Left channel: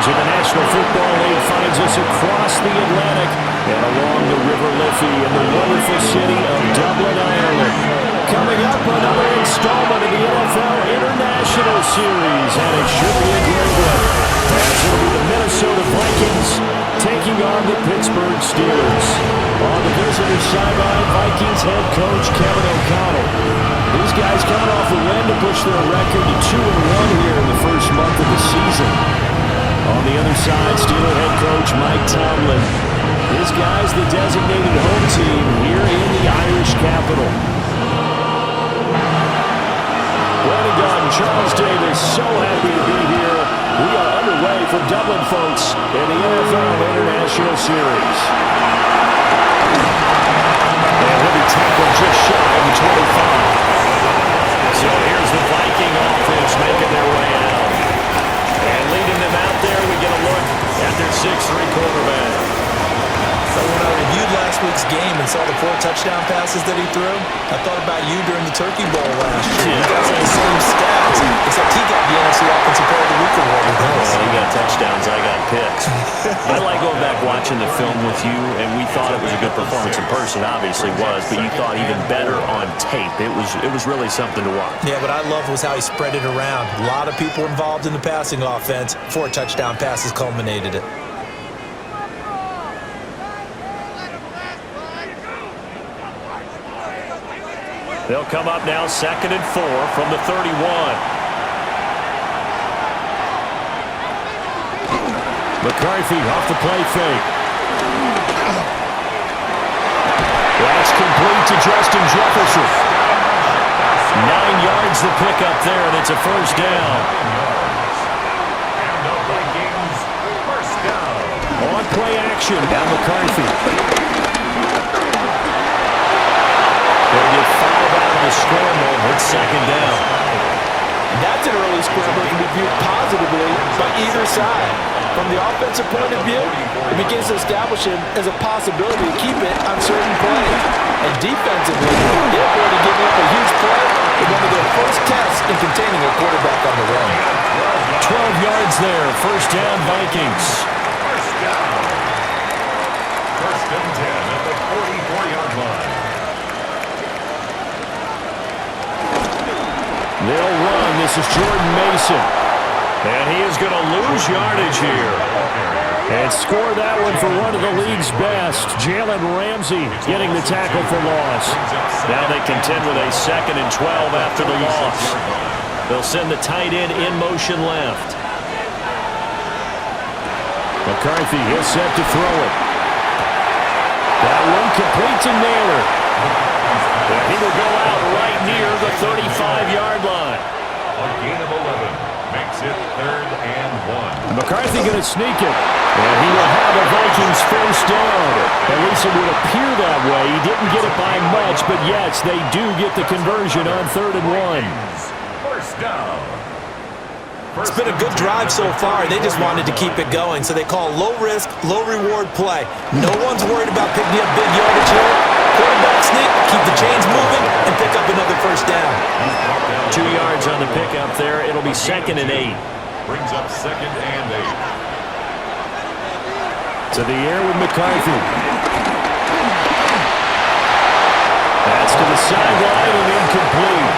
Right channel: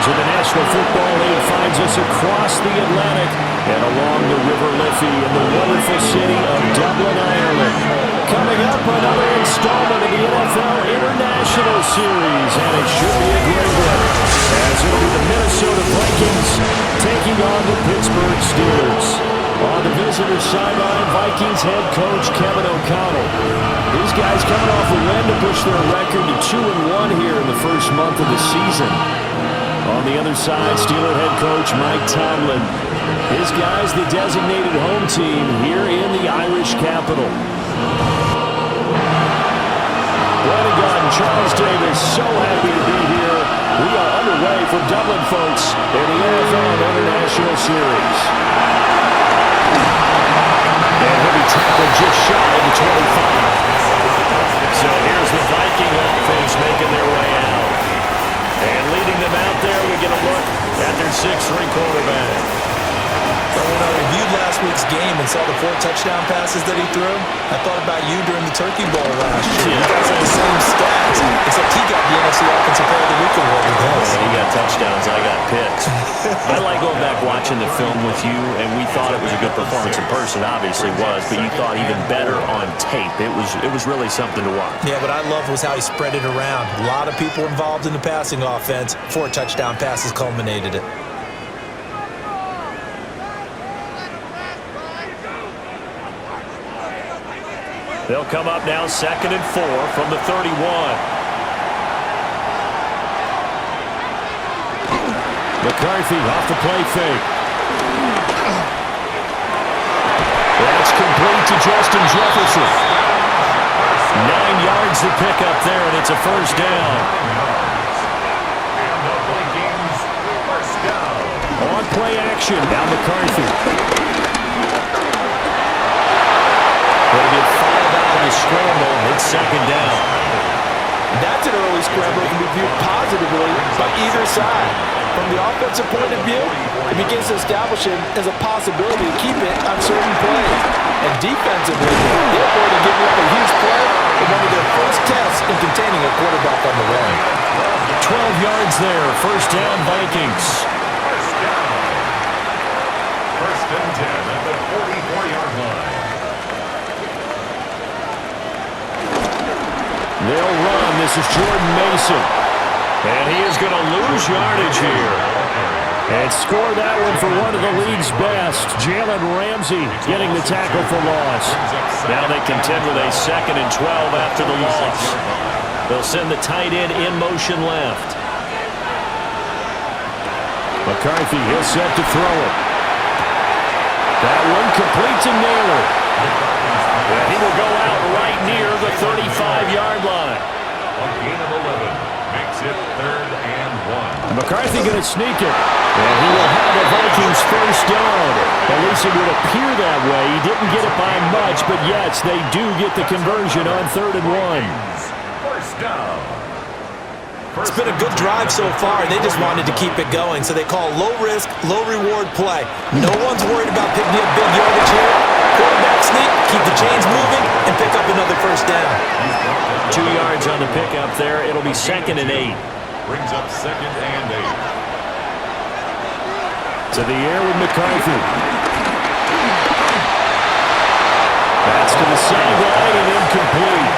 Vikings, and the National Football League finds us across the Atlantic and along the River Liffey in the wonderful city of Dublin, Ireland. Coming up, another installment of the NFL International Series, and it should be a great one, as it'll be the Minnesota Vikings taking on the Pittsburgh Steelers. On the visitor sideline, Vikings head coach Kevin O'Connell. These guys coming off a win to push their record to 2-1 here in the first month of the season. On the other side, Steeler head coach Mike Tomlin. His guys the designated home team here in the Irish capital. Brandon Gott and Charles Davis, so happy to be here. We are underway from Dublin, folks, in the NFL International Series. And he'll be tackled just shy of the 25. So here's the Viking offense making their way out. And leading them out there, we get a look at their 6'3" quarterback. So when I reviewed last week's game and saw the 4 touchdown passes that he threw, I thought about you during the Turkey Bowl last year. You guys had the same stats, except he got the NFC Offensive Player of the Week award with us. Well, he got touchdowns, I got picks. I like going back watching the film with you, and we thought it was a good performance in person. Obviously was, but you thought even better on tape. It was really something to watch. Yeah, what I loved was how he spread it around. A lot of people involved in the passing offense. 4 touchdown passes culminated it. They'll come up now 2nd and 4 from the 31. McCarthy off the play fake. That's complete to Justin Jefferson. 9 yards to pick up there, and it's a first down. And the Vikings first down. On play action, now McCarthy. They'll get 5 out of the scramble. It's 2nd down. That's an early scramble that can be viewed positively by either side. From the offensive point of view, it begins to establish it as a possibility to keep it on certain plays. And defensively, they're going to give up a huge play in one of their first tests in containing a quarterback on the run. 12 yards there. First down, Vikings. First down. 1st and 10 at the 44-yard line. They'll run. This is Jordan Mason. And he is going to lose yardage here. And score that one for one of the league's best. Jalen Ramsey getting the tackle for loss. Now they contend with a 2nd and 12 after the loss. They'll send the tight end in motion left. McCarthy, he'll set to throw it. That one complete to Naylor. And he will go out right near the 35-yard line. A gain of 11 makes it 3rd and 1. McCarthy going to sneak it. And he will have a Vikings first down. At least it would appear that way. He didn't get it by much, but yes, they do get the conversion on 3rd and 1. First down. It's been a good drive so far. They just wanted to keep it going, so they call low-risk, low-reward play. No one's worried about picking up big yardage here. Quarterback sneak, keep the chains moving, and pick up another first down. 2 yards on the pickup there. It'll be 2nd and 8. Brings up 2nd and 8. To the air with McCarthy. That's to the sideline and incomplete.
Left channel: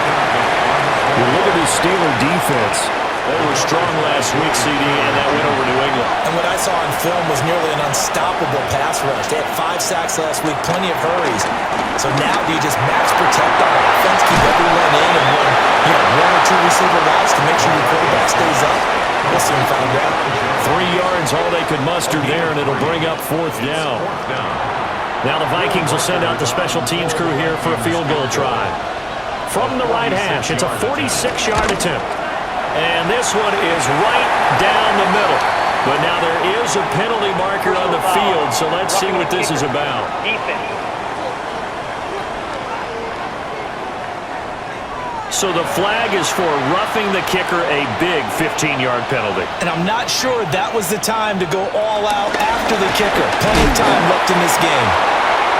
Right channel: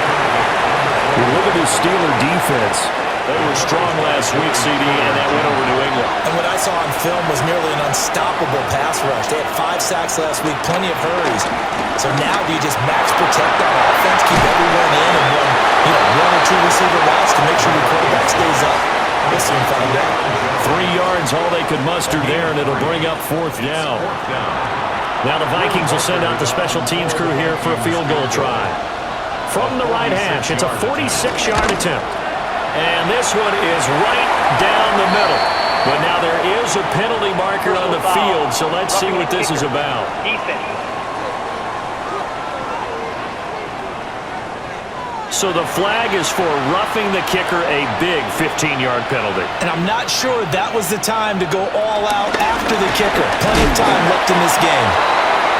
Look at this Steeler defense. They were strong last week, CD, and that went over New England. And what I saw on film was nearly an unstoppable pass rush. They had 5 sacks last week, plenty of hurries. So now do you just max protect on offense, keep everyone in, and run, 1 or 2 receiver routes to make sure your quarterback stays up? We'll soon find out. 3 yards, all they could muster there, and it'll bring up 4th down. Now the Vikings will send out the special teams crew here for a field goal try. From the right hash, it's a 46-yard attempt. And this one is right down the middle. But now there is a penalty marker on the field, so let's see what this is about. So the flag is for roughing the kicker, a big 15-yard penalty. And I'm not sure that was the time to go all out after the kicker. Plenty of time left in this game.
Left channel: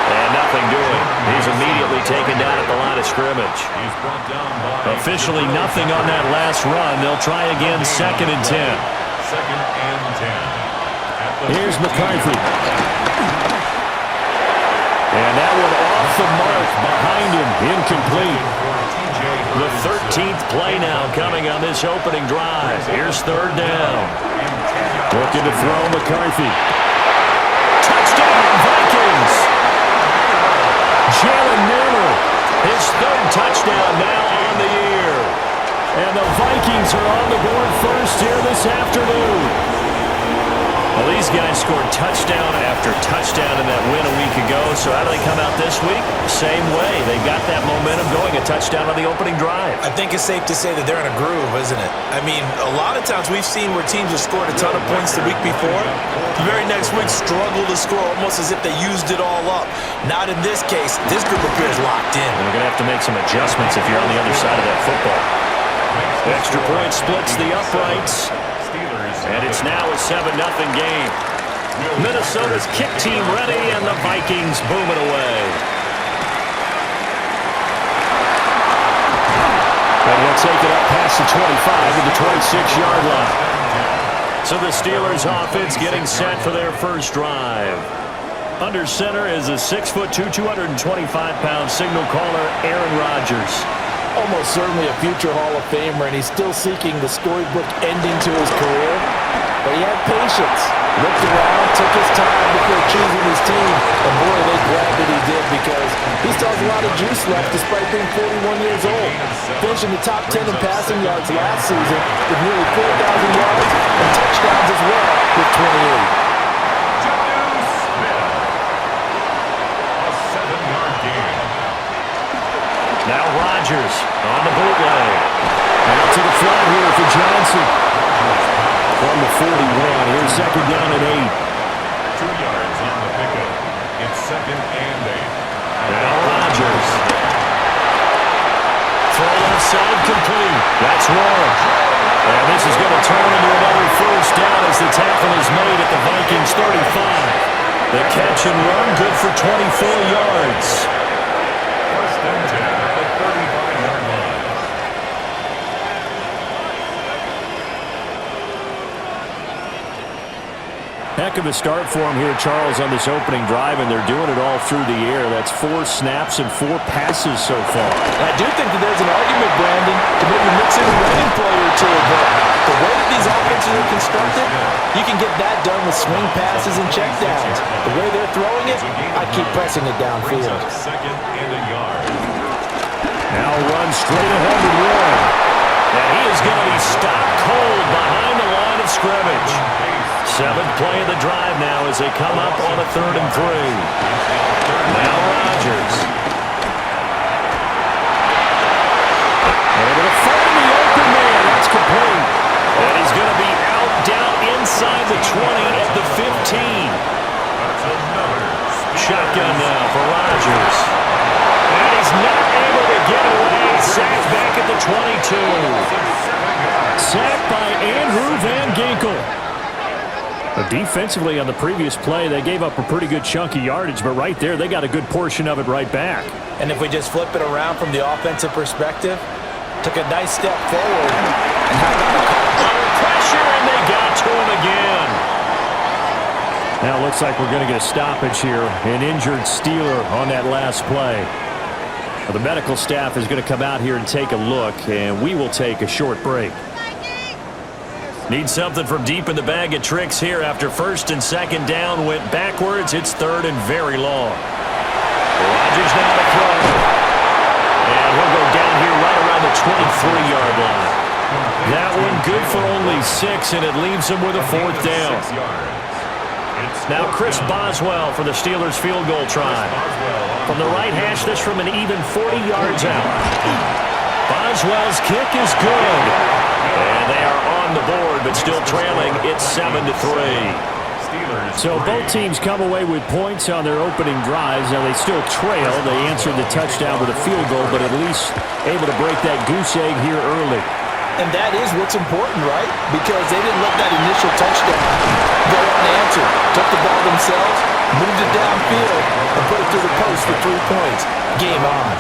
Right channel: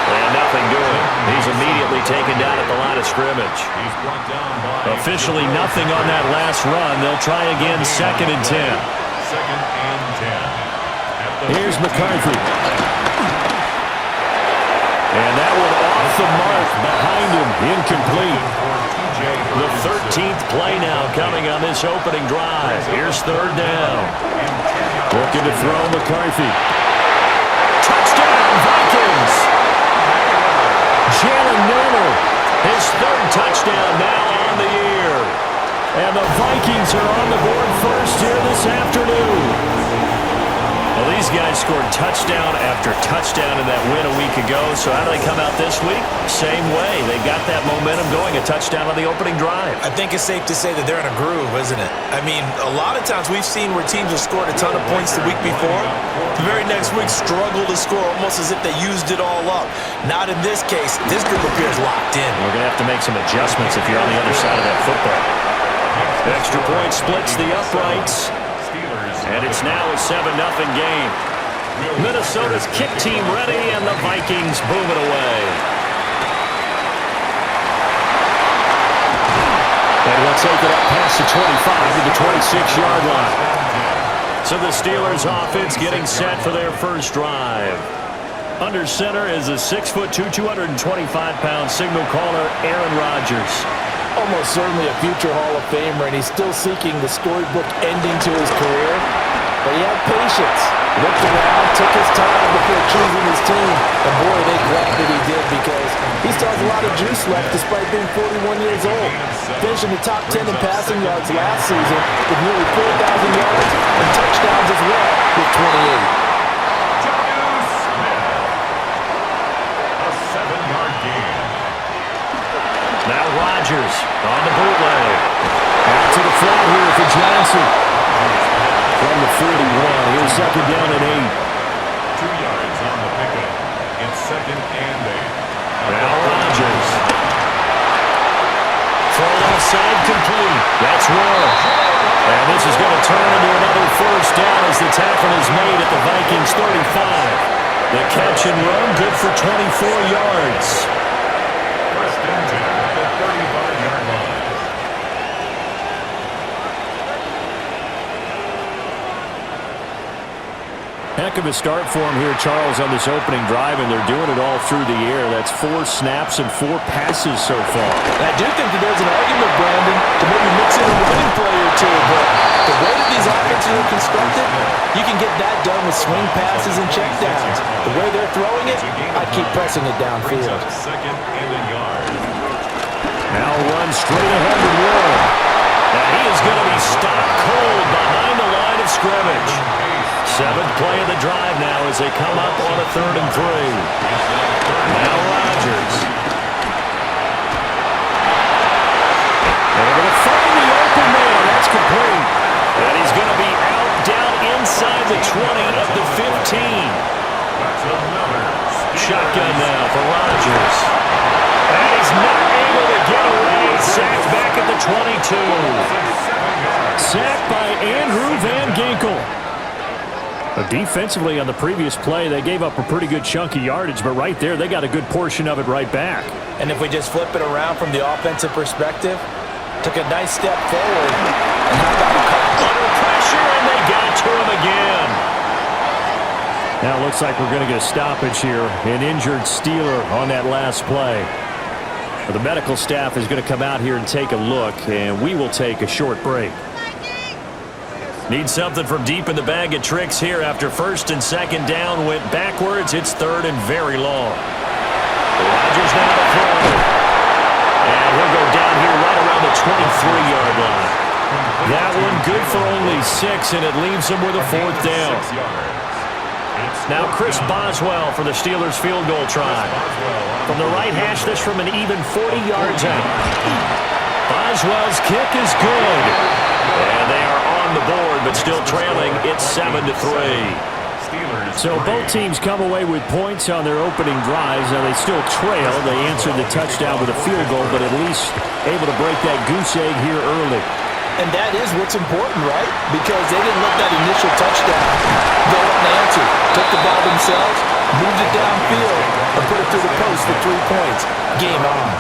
And nothing doing. He's immediately taken down at the line of scrimmage. He's brought down by officially nothing on that last run. They'll try again, 2nd and 10. second and 10. Here's McCarthy. And that one off the mark behind him, incomplete. The 13th play now coming on this opening drive. Here's third down. Looking to throw McCarthy. Touchdown, Vikings! Jalen Naylor, his third touchdown now on the year. And the Vikings are on the board first here this afternoon. Well, these guys scored touchdown after touchdown in that win a week ago. So how do they come out this week? Same way. They got that momentum going, a touchdown on the opening drive. I think it's safe to say that they're in a groove, isn't it? I mean, a lot of times we've seen where teams have scored a ton of points the week before. The very next week struggle to score almost as if they used it all up. Not in this case. This group appears locked in. We're going to have to make some adjustments if you're on the other side of that football. Extra point splits the uprights. And it's now a 7-0 game. Minnesota's kick team ready, and the Vikings boom it away. And he'll take it up past the 25 to the 26-yard line. So the Steelers offense getting set for their first drive. Under center is a 6'2", 225-pound signal caller, Aaron Rodgers. Almost certainly a future Hall of Famer, and he's still seeking the storybook ending to his career. But he had patience, looked around, took his time before choosing his team. And boy, they glad that he did, because he still has a lot of juice left despite being 41 years old. Finishing the top 10 in passing yards last season with nearly 4,000 yards and touchdowns as well with 28. A 7-yard gain. Now Rodgers on the bootleg. Out to the flat here for Johnson. From the 41, here's second down and 8. 2 yards on the pickup. It's second and 8. Now Rodgers. Throw left side complete. That's one. And this is going to turn into another first down as the tackle is made at the Vikings 35. The catch and run good for 24 yards. First and 10 at the 35-yard line. Heck of a start for him here, Charles, on this opening drive, and they're doing it all through the air. That's 4 snaps and 4 passes so far. And I do think that there's an argument, Brandon, to maybe mix in a running play or two, but the way that these offenses are constructed, you can get that done with swing passes and checkdowns. The way they're throwing it, I'd keep pressing it downfield. Second and a yard. Now run straight ahead to Warren. And he is going to be stopped cold behind the line of scrimmage. 7th play of the drive now as they come up on a 3rd and 3. Now Rodgers. Able to find the open man. That's complete. And he's going to be out down inside the 20 at the 15. That's another Shotgun now for Rodgers. And he's not able to get away. Sacked back at the 22. Sacked by Andrew Van Ginkel. Defensively on the previous play, they gave up a pretty good chunk of yardage, but right there, they got a good portion of it right back. And if we just flip it around from the offensive perspective, took a nice step forward, and how about a call? Under pressure, and they got to him again. Now it looks like we're going to get a stoppage here. An injured Steeler on that last play. The medical staff is going to come out here and take a look, and we will take a short break. Need something from deep in the bag of tricks here after 1st and 2nd down went backwards. It's 3rd and very long. Rodgers now to throw. And he'll go down here right around the 23-yard line. That one good for only 6, and it leaves him with a 4th down. Now Chris Boswell for the Steelers field goal try. From the right hash, this from an even 40 yards out. Boswell's kick is good. And they are on the board, but still trailing. It's 7-3. So both teams come away with points on their opening drives. Now they still trail. They answered the touchdown with a field goal, but at least able to break that goose egg here early. And that is what's important, right? Because they didn't let that initial touchdown go unanswered. Took the ball themselves, moved it downfield, and put it through the post for 3 points. Game on.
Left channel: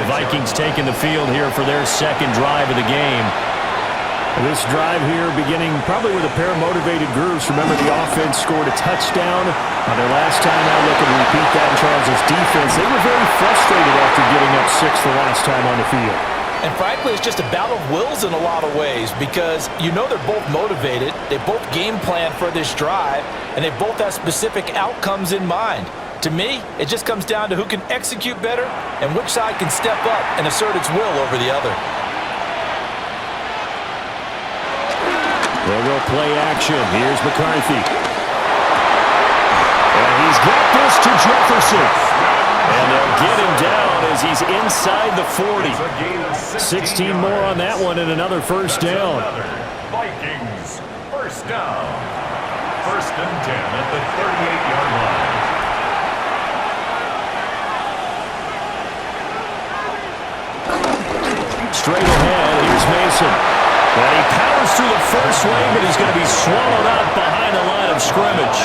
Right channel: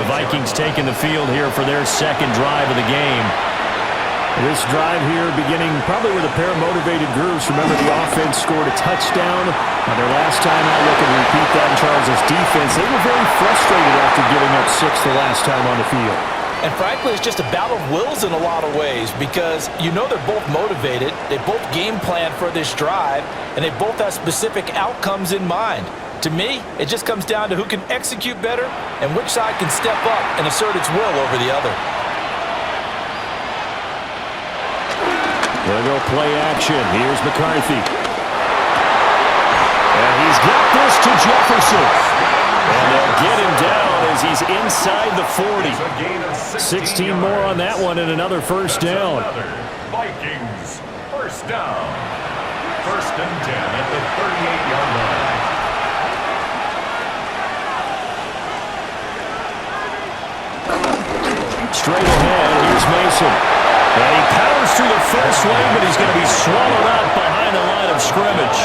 The Vikings taking the field here for their 2nd drive of the game. This drive here beginning probably with a pair of motivated groups. Remember, the offense scored a touchdown on their last time out. Looking to repeat that in Charles's defense. They were very frustrated after giving up 6 the last time on the field. And frankly, it's just a battle of wills in a lot of ways because you know they're both motivated. They both game plan for this drive, and they both have specific outcomes in mind. To me, it just comes down to who can execute better and which side can step up and assert its will over the other. They'll go play action. Here's McCarthy. And he's got this to Jefferson. And they'll get him down as he's inside the 40. 16 more on that one and another first down. Vikings first down. 1st and 10 at the 38-yard line. Straight ahead, here's Mason. And he powers through the first lane, but he's going to be swallowed up behind the line of scrimmage.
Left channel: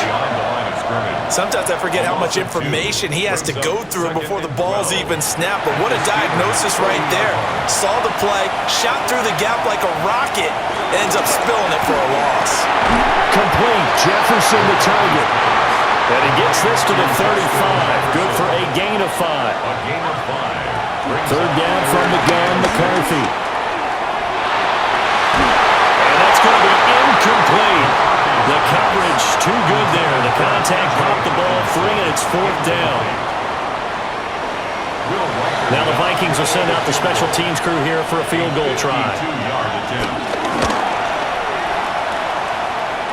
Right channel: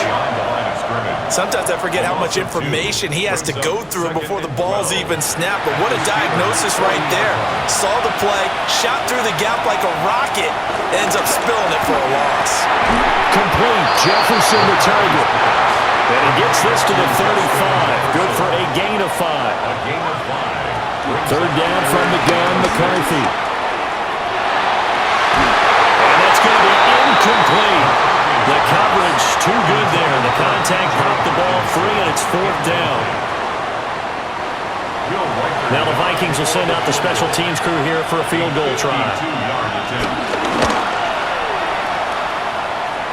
Sometimes I forget how much information he has to go through before the ball's even snapped, but what a diagnosis right there. Saw the play, shot through the gap like a rocket, ends up spilling it for a loss. Complete. Jefferson the target. And he gets this to the 35. Good for a gain of 5. A gain of 5. 3rd down from the gun, McCarthy. And that's going to be incomplete. The coverage too good there. The contact popped the ball free, and it's 4th down. Now the Vikings will send out the special teams crew here for a field goal try.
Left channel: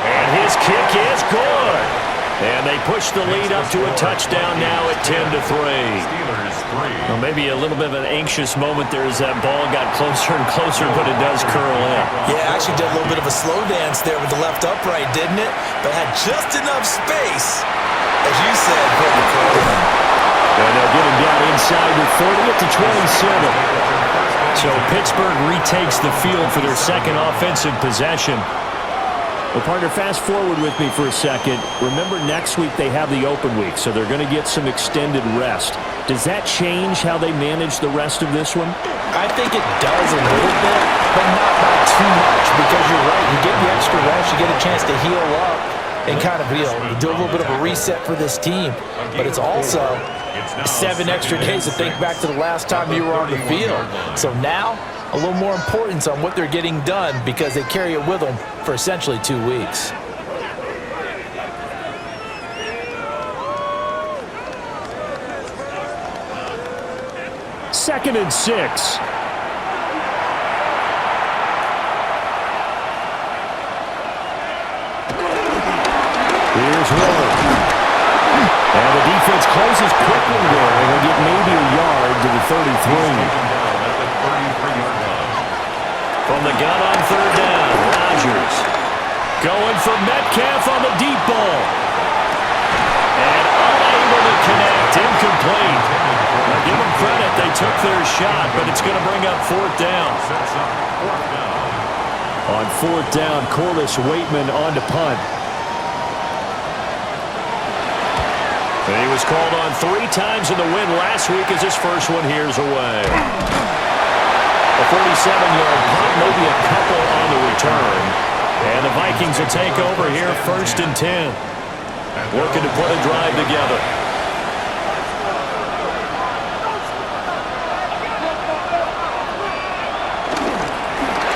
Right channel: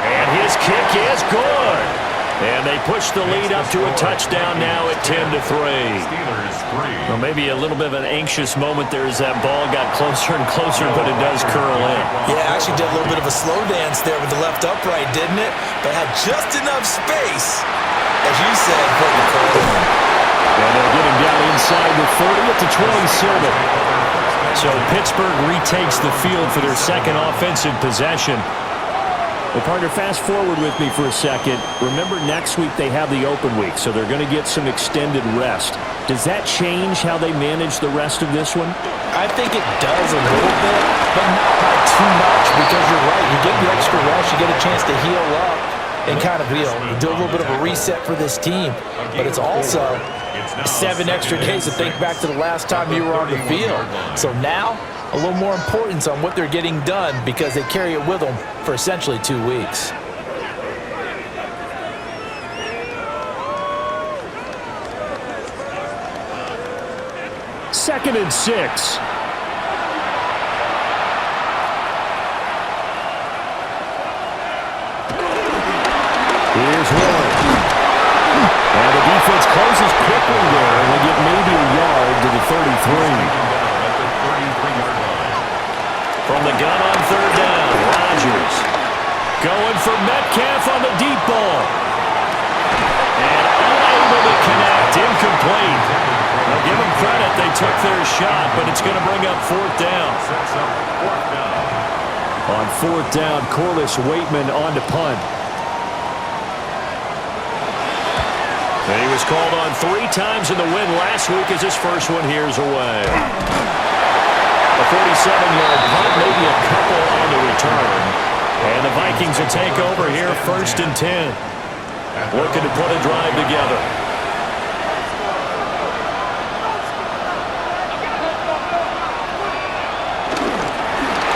And his kick is good. And they push the lead up to a touchdown now at 10-3. Well, maybe a little bit of an anxious moment there as that ball got closer and closer, but it does curl in. Yeah, actually did a little bit of a slow dance there with the left upright, didn't it? But had just enough space, as you said, for the curl in. And they'll get him down inside the 30 at the 27. So Pittsburgh retakes the field for their second offensive possession. Well, partner, fast forward with me for a second. Remember, next week they have the open week, so they're going to get some extended rest. Does that change how they manage the rest of this one? I think it does a little bit, but not by too much, because you're right. You get the extra rest, you get a chance to heal up and kind of do a little bit of a reset for this team. But it's also 7 extra days to think back to the last time you were on the field. So now, a little more importance on what they're getting done because they carry it with them for essentially 2 weeks. Second and 6. Here's Roy. And the defense closes quickly there, and they'll get maybe a yard to the 33. From the gun on 3rd down, Rodgers going for Metcalf on the deep ball. And unable to connect, incomplete. Now give them credit, they took their shot, but it's going to bring up 4th down. On 4th down, Corliss Waitman on to punt. And he was called on 3 times in the win last week as his first one here's away. A 47-yard punt, maybe a couple on the return. And the Vikings will take over here, 1st and 10. Looking to put a drive together.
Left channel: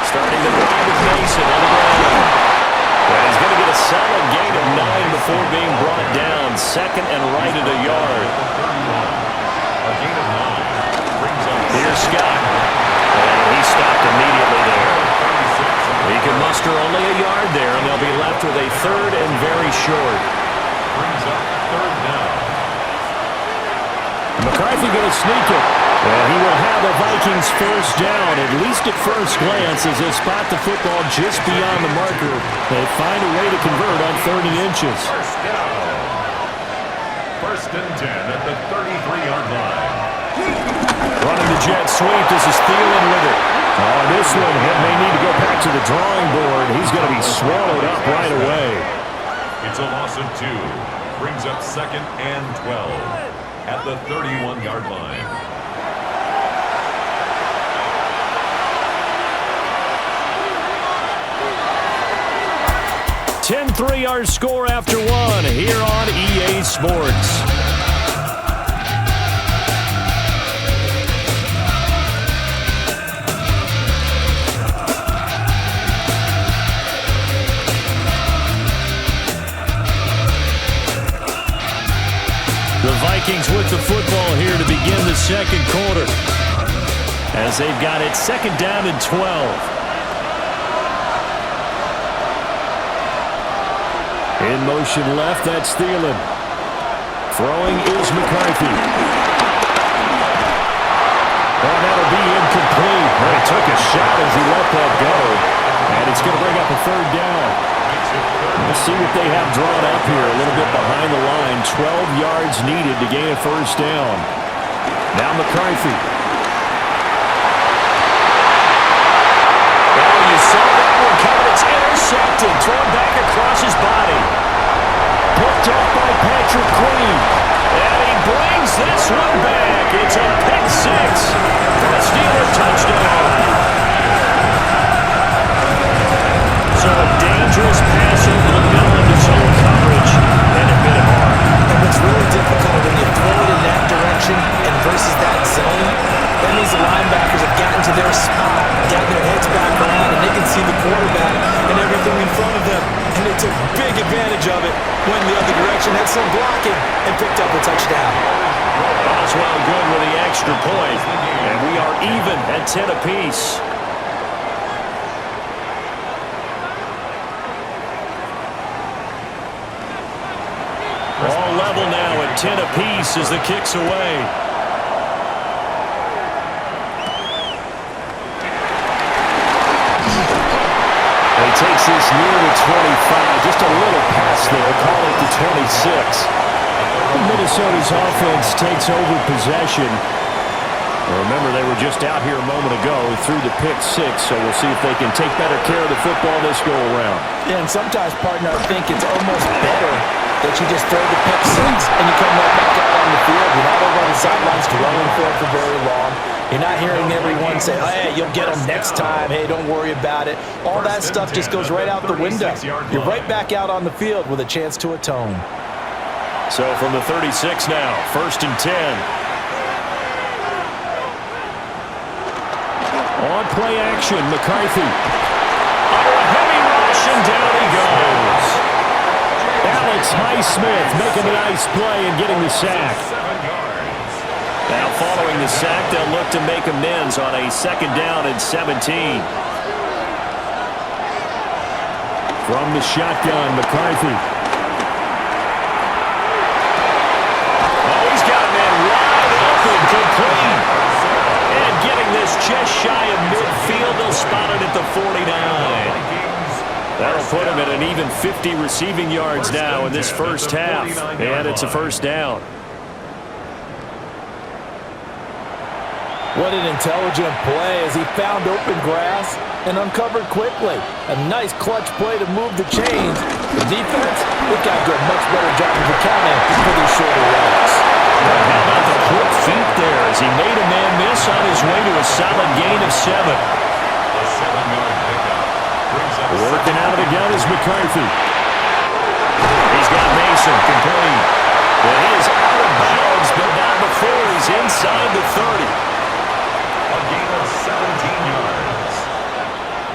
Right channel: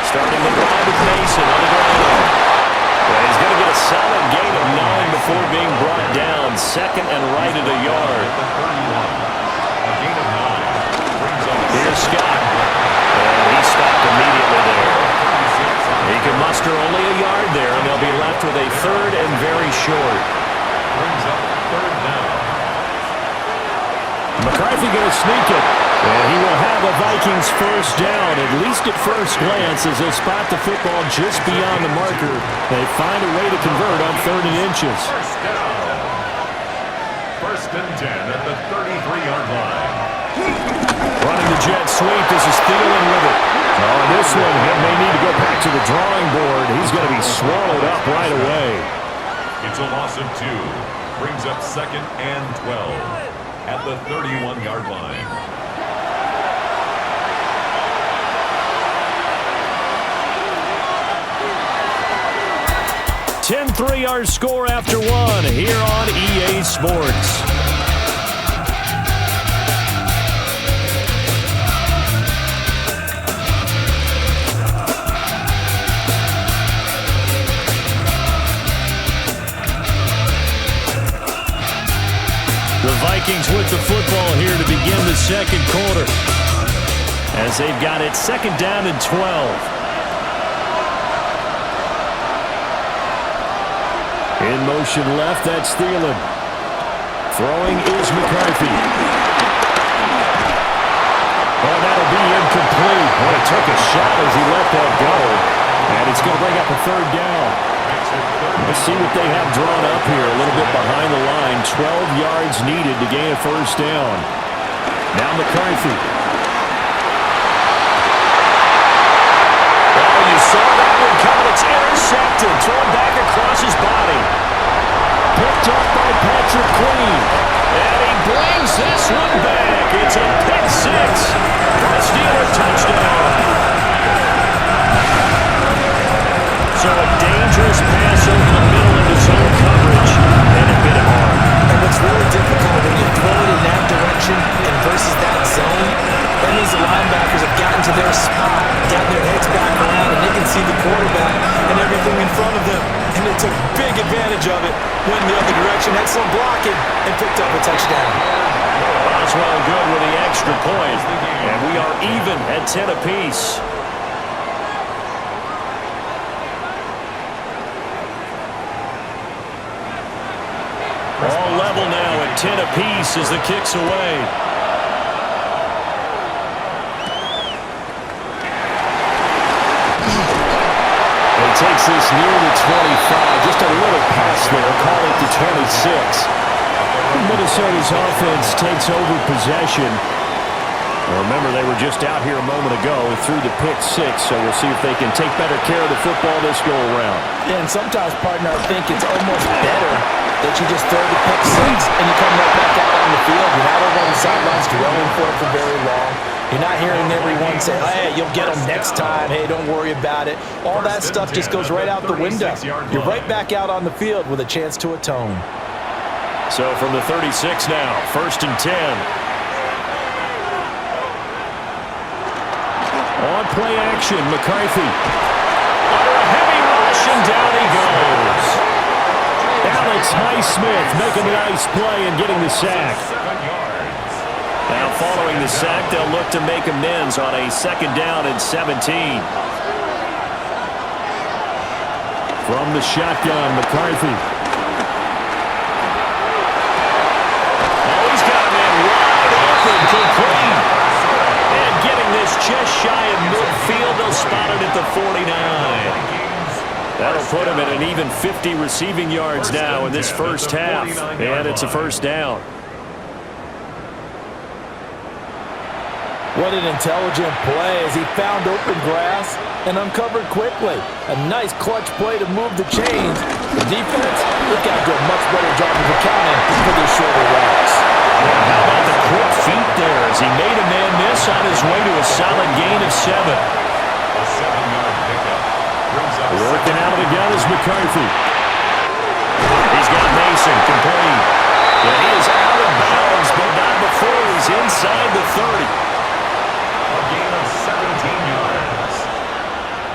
Starting the drive with Mason on the ground. And he's going to get a solid gain of 9 before being brought down. 2nd and right at a yard. Here's Scott. And he stopped immediately there. He can muster only a yard there, and they'll be left with a 3rd and very short. Brings up 3rd down. McCarthy going to sneak it. And he will have a Vikings first down, at least at first glance, as they'll spot the football just beyond the marker. They find a way to convert on 3rd and inches. First down. 1st and 10 at the 33-yard line. Running the jet sweep. This is Thielen with it. Oh, and this one may need to go back to the drawing board. He's going to be swallowed up right away. It's a loss of 2. Brings up 2nd and 12 at the 31-yard line. 10-3 our score after one here on EA Sports. The Vikings with the football here to begin the second quarter, as they've got it second down and 12. In motion left, that's Thielen. Throwing is McCarthy. Oh, that'll be incomplete. Well, he took a shot as he let that go, and it's going to bring up a third down. Let's see what they have drawn up here. A little bit behind the line. 12 yards needed to gain a first down. Now McCarthy. Oh, you saw that one coming. It's intercepted. Thrown back across his body. Picked up by Patrick Queen. And he brings this one back. It's a pick six for a Steeler touchdown. So a dangerous pass over the middle into zone coverage, and it hit him hard. And what's really difficult when you throw it in that direction and versus that zone, that means the linebackers have gotten to their spot, gotten their heads back around, and they can see the quarterback and everything in front of them. And they took big advantage of it, went in the other direction, had some blocking, and picked up a touchdown. Boswell good with the extra point, and we are even at 10 apiece. All level now at 10 apiece as the kick's away. He takes this near the 25. Just a little pass there. Call it the 26. Minnesota's offense takes over possession. Remember, they were just out here a moment ago through the pick six, so we'll see if they can take better care of the football this go-around. Yeah, and sometimes, partner, I think it's almost better that you just throw the pick six and you come right back out on the field. You're not over on the sidelines dwelling for it for very long. You're not hearing everyone say, hey, you'll get them next time. Hey, don't worry about it. All that stuff just goes right out the window. You're right back out on the field with a chance to atone. So from the 36 now, 1st and 10. On play action, McCarthy. Under a heavy rush, and down he goes. Alex Highsmith making a nice play and getting the sack. Now following the sack, they'll look to make amends on a 2nd down and 17. From the shotgun, McCarthy. Oh, he's got a man wide open, complete. And getting this just shy of midfield, they'll spot it at the 49. That'll put him at an even 50 receiving yards now in this first half. And it's a first down. What an intelligent play as he found open grass and uncovered quickly. A nice clutch play to move the chains. The defense, they've got to do a much better job of accounting for these shorter routes. And how about the quick feet there as he made a man miss on his way to a solid gain of 7. A 7-yard pickup brings up working out of the gun is McCarthy. He's got Mason complete. But he is out of bounds, but not before he's inside the 30. A gain of 17 yards.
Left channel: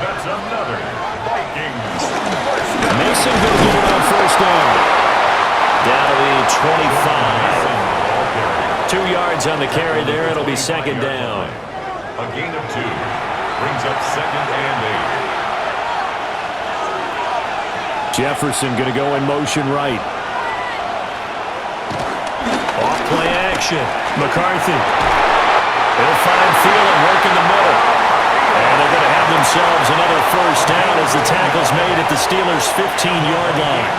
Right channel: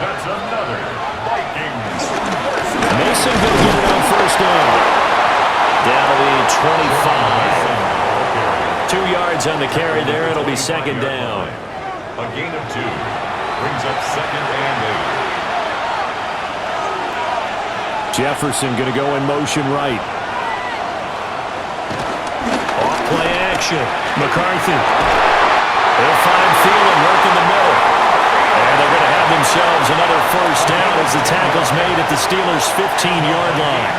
That's another Vikings first down. Mason going to get it on first down. Down to the 25. 2 yards on the carry there. It'll be 2nd down. A gain of 2 brings up 2nd and 8. Jefferson going to go in motion right. Off play action. McCarthy. He'll find Thielen working the middle. And they're going to have themselves another first down as the tackle's made at the Steelers' 15-yard line.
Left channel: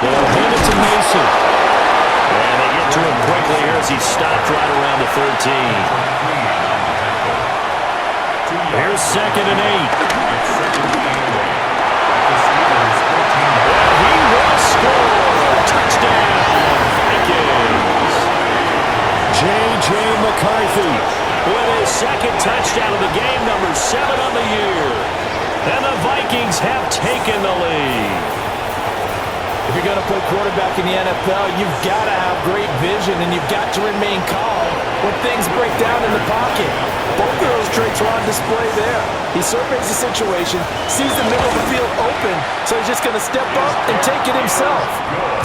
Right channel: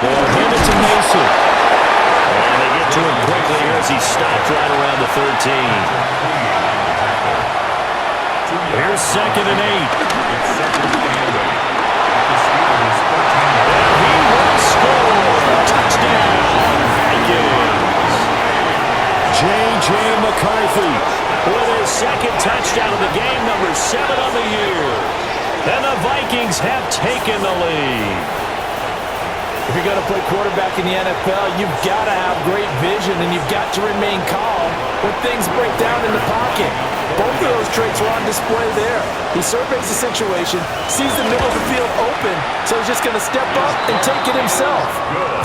They'll hand it to Mason. And they get to him quickly here as he stopped right around the 13. Here's 2nd and 8. It's 2nd and 8. The Steelers 14. And he will score. Touchdown, Vikings. J.J. McCarthy with his 2nd touchdown of the game, number 7 on the year. And the Vikings have taken the lead. If you're going to play quarterback in the NFL, you've got to have great vision, and you've got to remain calm when things break down in the pocket. Both of those traits are on display there. He surveys the situation, sees the middle of the field open, so he's just going to step up and take it himself.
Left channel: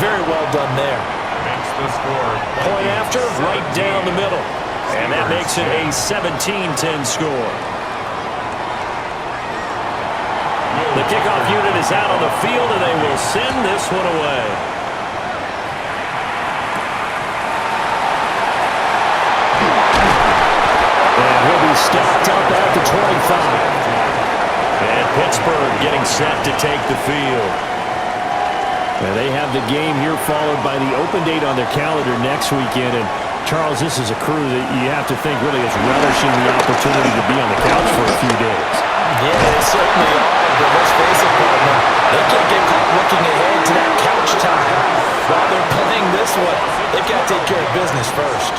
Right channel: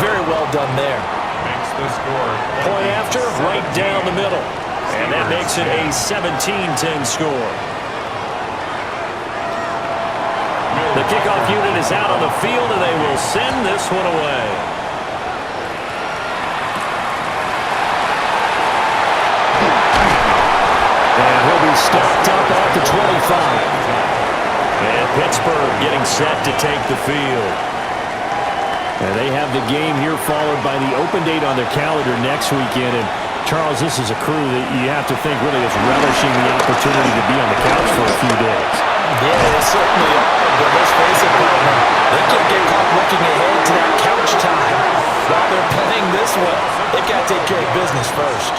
Very well done there. Makes the score. Point after, right down the middle. And that makes it a 17-10 score. The kickoff unit is out on the field, and they will send this one away. And he'll be stopped up at the 25. And Pittsburgh getting set to take the field. And they have the game here followed by the open date on their calendar next weekend. And Charles, this is a crew that you have to think really is relishing the opportunity to be on the couch for a few days. Yeah, they certainly are, but let's face it, partner. They can't get caught looking ahead to that couch time while they're playing this one. They've got to take care of business first.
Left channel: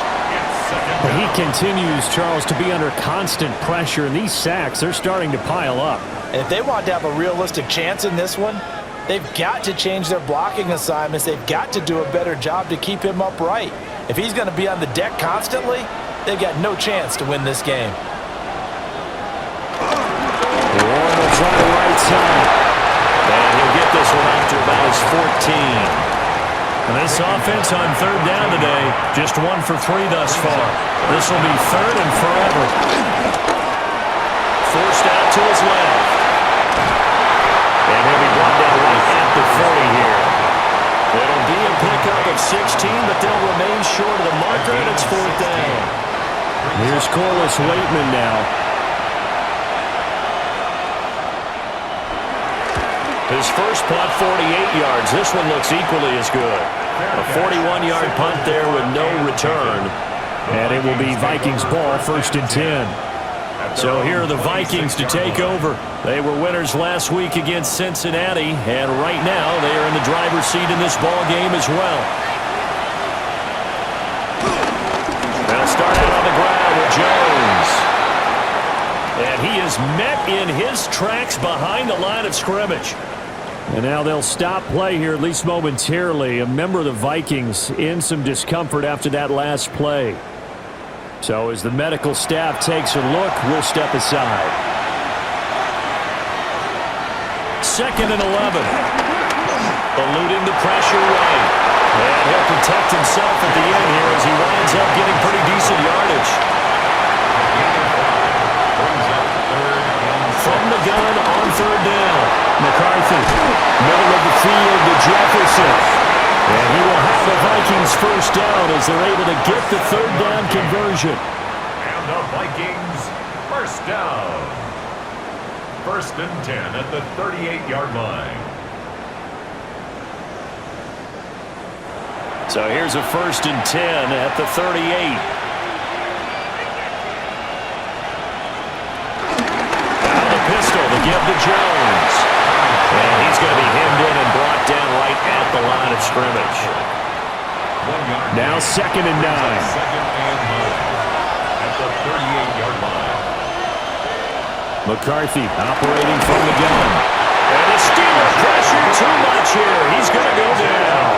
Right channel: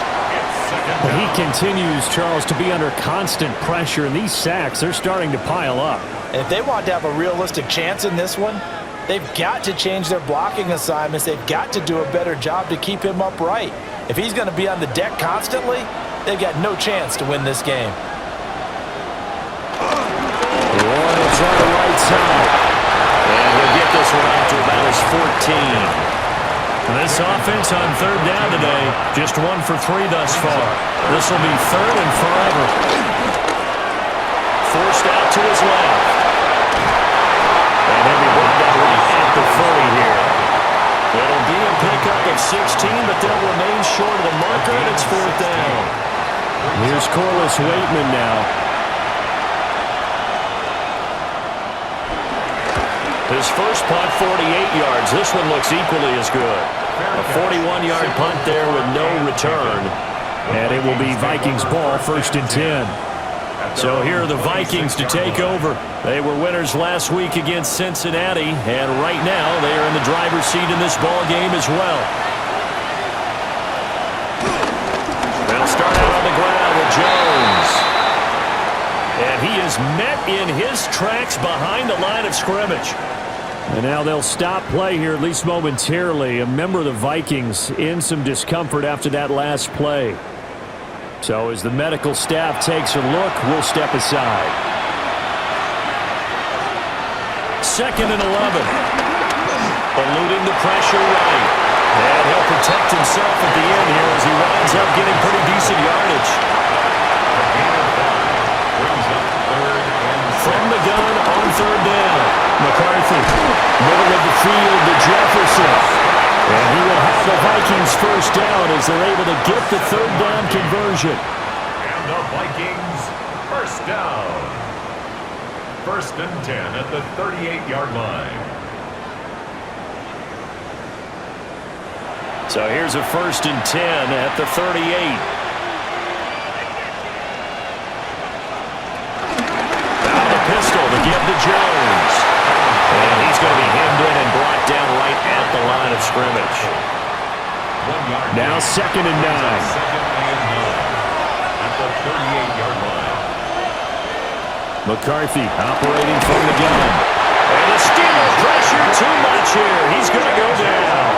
But he continues, Charles, to be under constant pressure, and these sacks, they're starting to pile up. And if they want to have a realistic chance in this one, they've got to change their blocking assignments. They've got to do a better job to keep him upright. If he's going to be on the deck constantly, they've got no chance to win this game. Warren will try the right side. And he'll get this one up to about his 14. And this offense on third down today, just 1 for 3 thus far. This will be third and forever. Forced out to his left. And he'll be brought down right at the 30 here. It'll be a pickup of 16, but they'll remain short of the marker, and it's 4th down. Here's Corliss Waitman now. His first punt, 48 yards. This one looks equally as good. A 41-yard punt there with no return. And it will be Vikings ball, 1st and 10. So here are the Vikings to take over. They were winners last week against Cincinnati, and right now they are in the driver's seat in this ball game as well. They'll start out on the ground with Jones. And he is met in his tracks behind the line of scrimmage. And now they'll stop play here, at least momentarily. A member of the Vikings in some discomfort after that last play. So as the medical staff takes a look, we'll step aside. 2nd and 11. Eluding the pressure right. And he'll protect himself at the end here as he winds up getting pretty decent yardage. From the gun on 3rd down. McCarthy, middle of the field to Jefferson. And he will have the Vikings 1st down as they're able to get the 3rd down conversion. And the Vikings 1st down. 1st and 10 at the 38-yard line. So here's a 1st and 10 at the 38. Pistol to give to Jones. And he's going to be hemmed in and brought down right at the line of scrimmage. 1 yard. Now 2nd and 9. 2nd and 9 at the 38-yard line. McCarthy operating from the gun. And the Steeler pressure too much here. He's going to go down.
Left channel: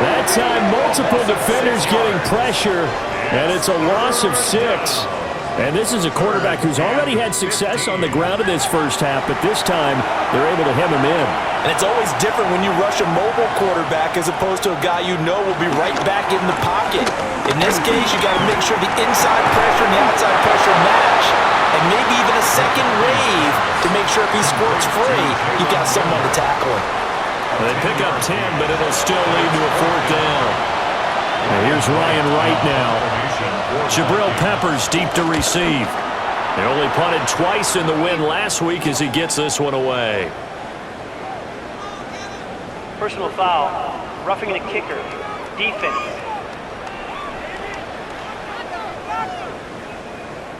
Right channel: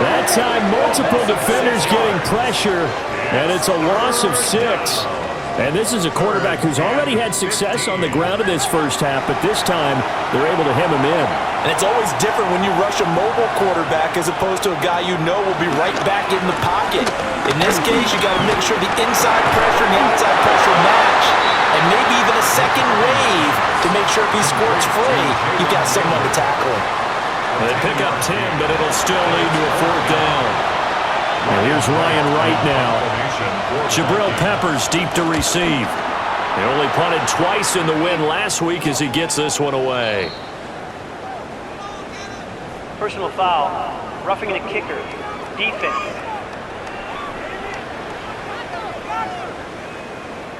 That time multiple defenders getting pressure, and it's a loss of 6. And this is a quarterback who's already had success on the ground in this first half, but this time they're able to hem him in. And it's always different when you rush a mobile quarterback as opposed to a guy you know will be right back in the pocket. In this case, you got to make sure the inside pressure and the outside pressure match, and maybe even a second wave to make sure if he squirts free, you've got someone to tackle him. Well, they pick up 10, but it'll still lead to a 4th down. Well, here's Ryan Wright now. Jabril Peppers deep to receive. They only punted twice in the win last week as he gets this one away. Personal foul, roughing the kicker, defense.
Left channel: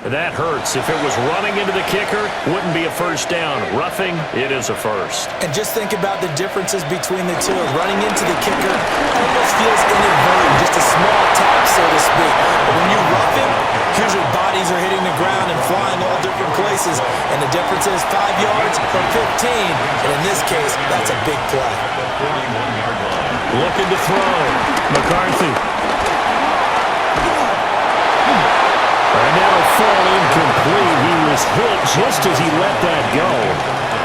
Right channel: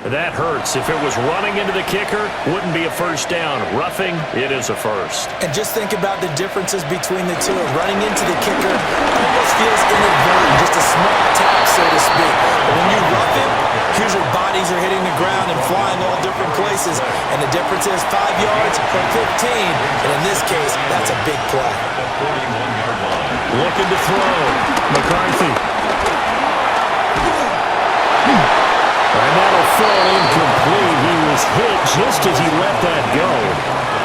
That hurts. If it was running into the kicker, wouldn't be a first down. Roughing, it is a first. And just think about the differences between the two. Running into the kicker almost feels inadvertent, just a small tap, so to speak. But when you rough him, usually bodies are hitting the ground and flying all different places. And the difference is 5 yards or 15. And in this case, that's a big play. Looking to throw. McCarthy. And that'll fall incomplete. He was hit just as he let that go.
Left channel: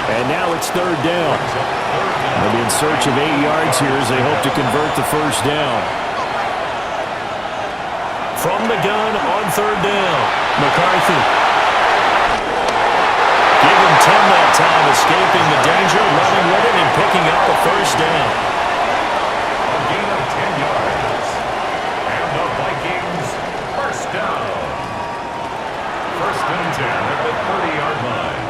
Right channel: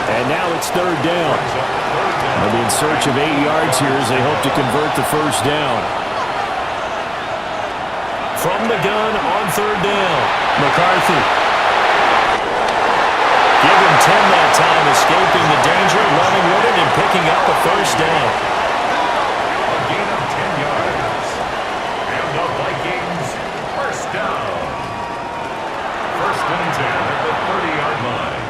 And now it's third down. They'll be in search of 8 yards here as they hope to convert the first down. From the gun on third down, McCarthy. Give him 10 that time, escaping the danger, running with it, and picking up a first down. A gain of 10 yards. And the Vikings, first down. First and 10 at the 30-yard line.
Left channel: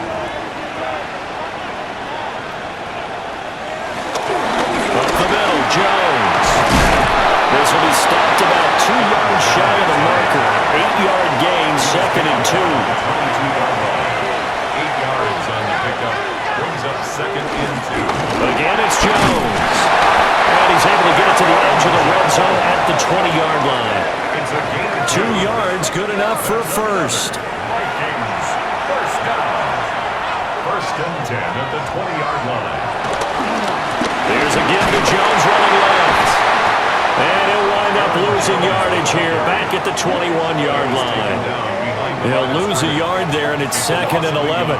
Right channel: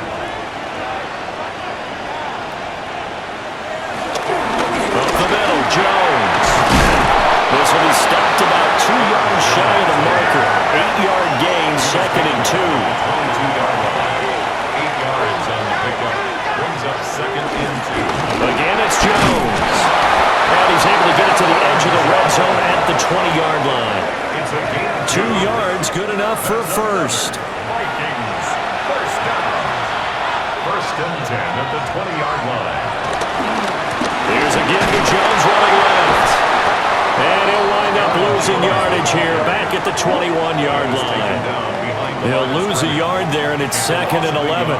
Up the middle, Jones. This will be stopped about 2 yards shy of the marker. 8-yard gain, second and 2. 22-yard line. 8 yards on the pickup. Brings up second and 2. Again, it's Jones. And he's able to get it to the edge of the red zone at the 20-yard line. It's a gain of 2 yards, good enough for a first. Vikings, first down. First and 10 at the 20-yard line. Here's again to Jones running left. And he'll wind up losing yardage here back at the 21-yard line. He'll lose a yard there, and it's second and 11.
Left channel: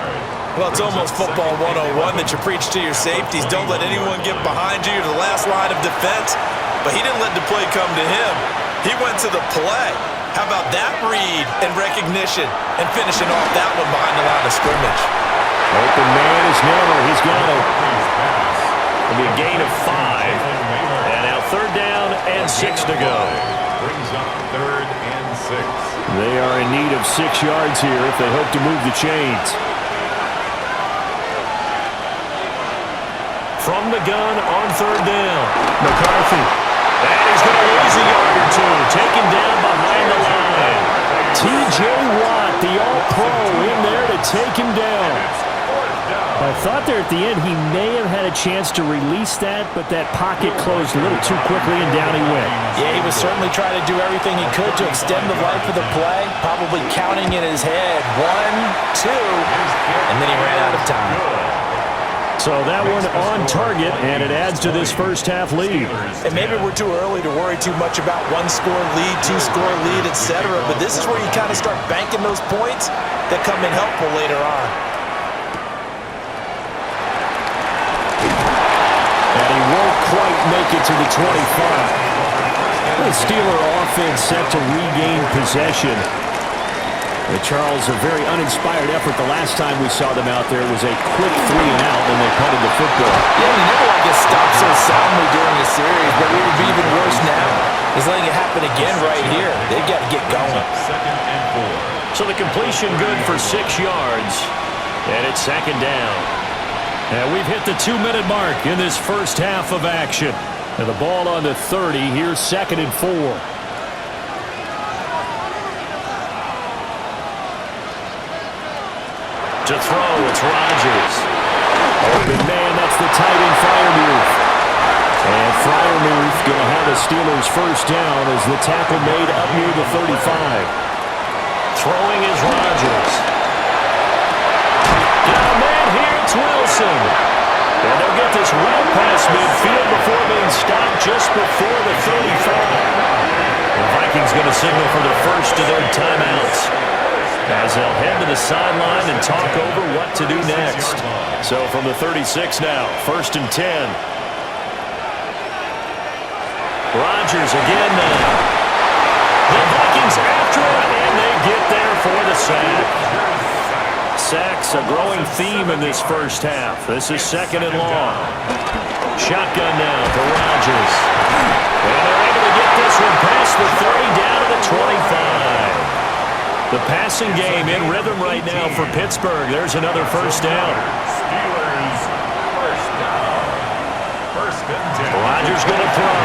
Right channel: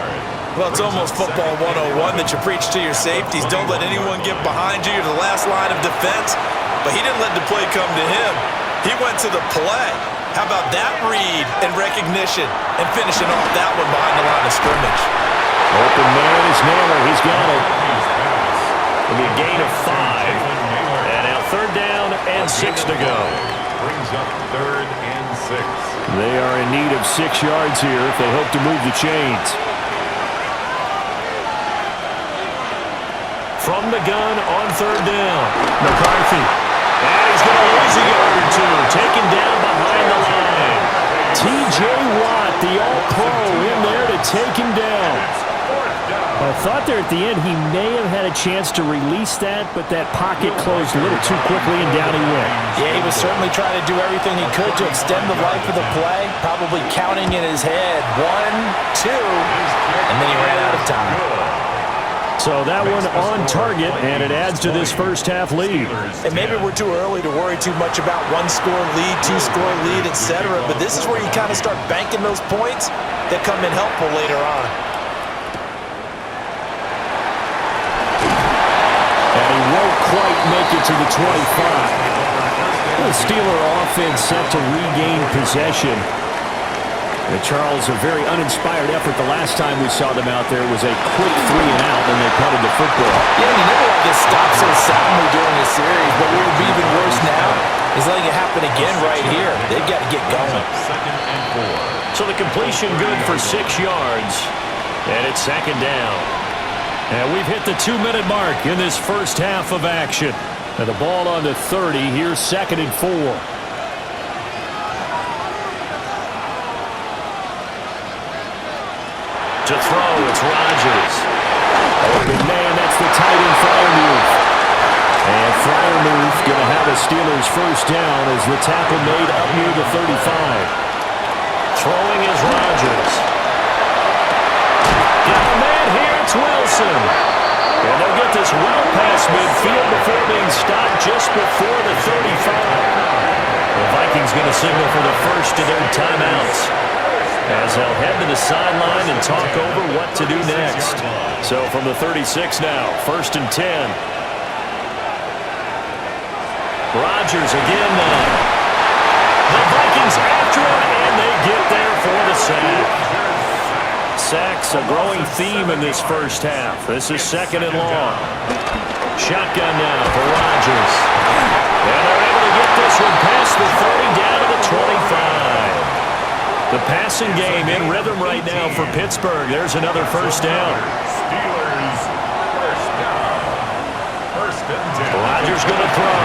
Well, it's almost football 101 that you preach to your safeties. Don't let anyone get behind you. You're the last line of defense. But he didn't let the play come to him. He went to the play. How about that read and recognition and finishing off that one behind the line of scrimmage? Open man is Naylor. He's got it. It'll be a gain of 5. And now third down and 6 to go. Brings up third and 6. They are in need of 6 yards here if they hope to move the chains. From the gun on third down, McCarthy. And he's going to lose a yard or 2. Taken down behind the line. T.J. Watt, the all-pro, in there to take him down. I thought there at the end he may have had a chance to release that, but that pocket closed a little too quickly and down he went. Yeah, he was certainly trying to do everything he could to extend the life of the play, probably counting in his head 1, 2, and then he ran out of time. So that one on target, and it adds to this first half lead. And maybe we're too early to worry too much about 1-score lead, 2-score lead, etc. But this is where you kind of start banking those points that come in helpful later on. And he won't quite make it to the 25. The Steeler offense set to regain possession. Charles, a very uninspired effort the last time we saw them out there was a quick 3 and out, and they punted the football. Yeah, you never want to get stopped so soundly during a series, but what would be even worse now is letting it happen again right here. They've got to get going. Second and 4. So the completion good for 6 yards, and it's second down. And we've hit the 2-minute mark in this first half of action. And the ball on the 30, here's second and 4. To throw, it's Rodgers. Open man, that's the tight end Freiermuth. And Freiermuth going to have a Steelers first down as the tackle made up near the 35. Throwing is Rodgers. Got a man here, it's Wilson. And they'll get this well past midfield before being stopped just before the 35. The Vikings going to signal for the first of their timeouts, as they'll head to the sideline and talk over what to do next. So from the 36 now, first and 10. Rodgers again now. The Vikings after him, and they get there for the sack. Sacks a growing theme in this first half. This is second and long. Shotgun now for Rodgers. And they're able to get this one past the 30 down to the 25. The passing game in rhythm right now for Pittsburgh. There's another first down. Steelers, first down. First and 10. Rodgers going to throw.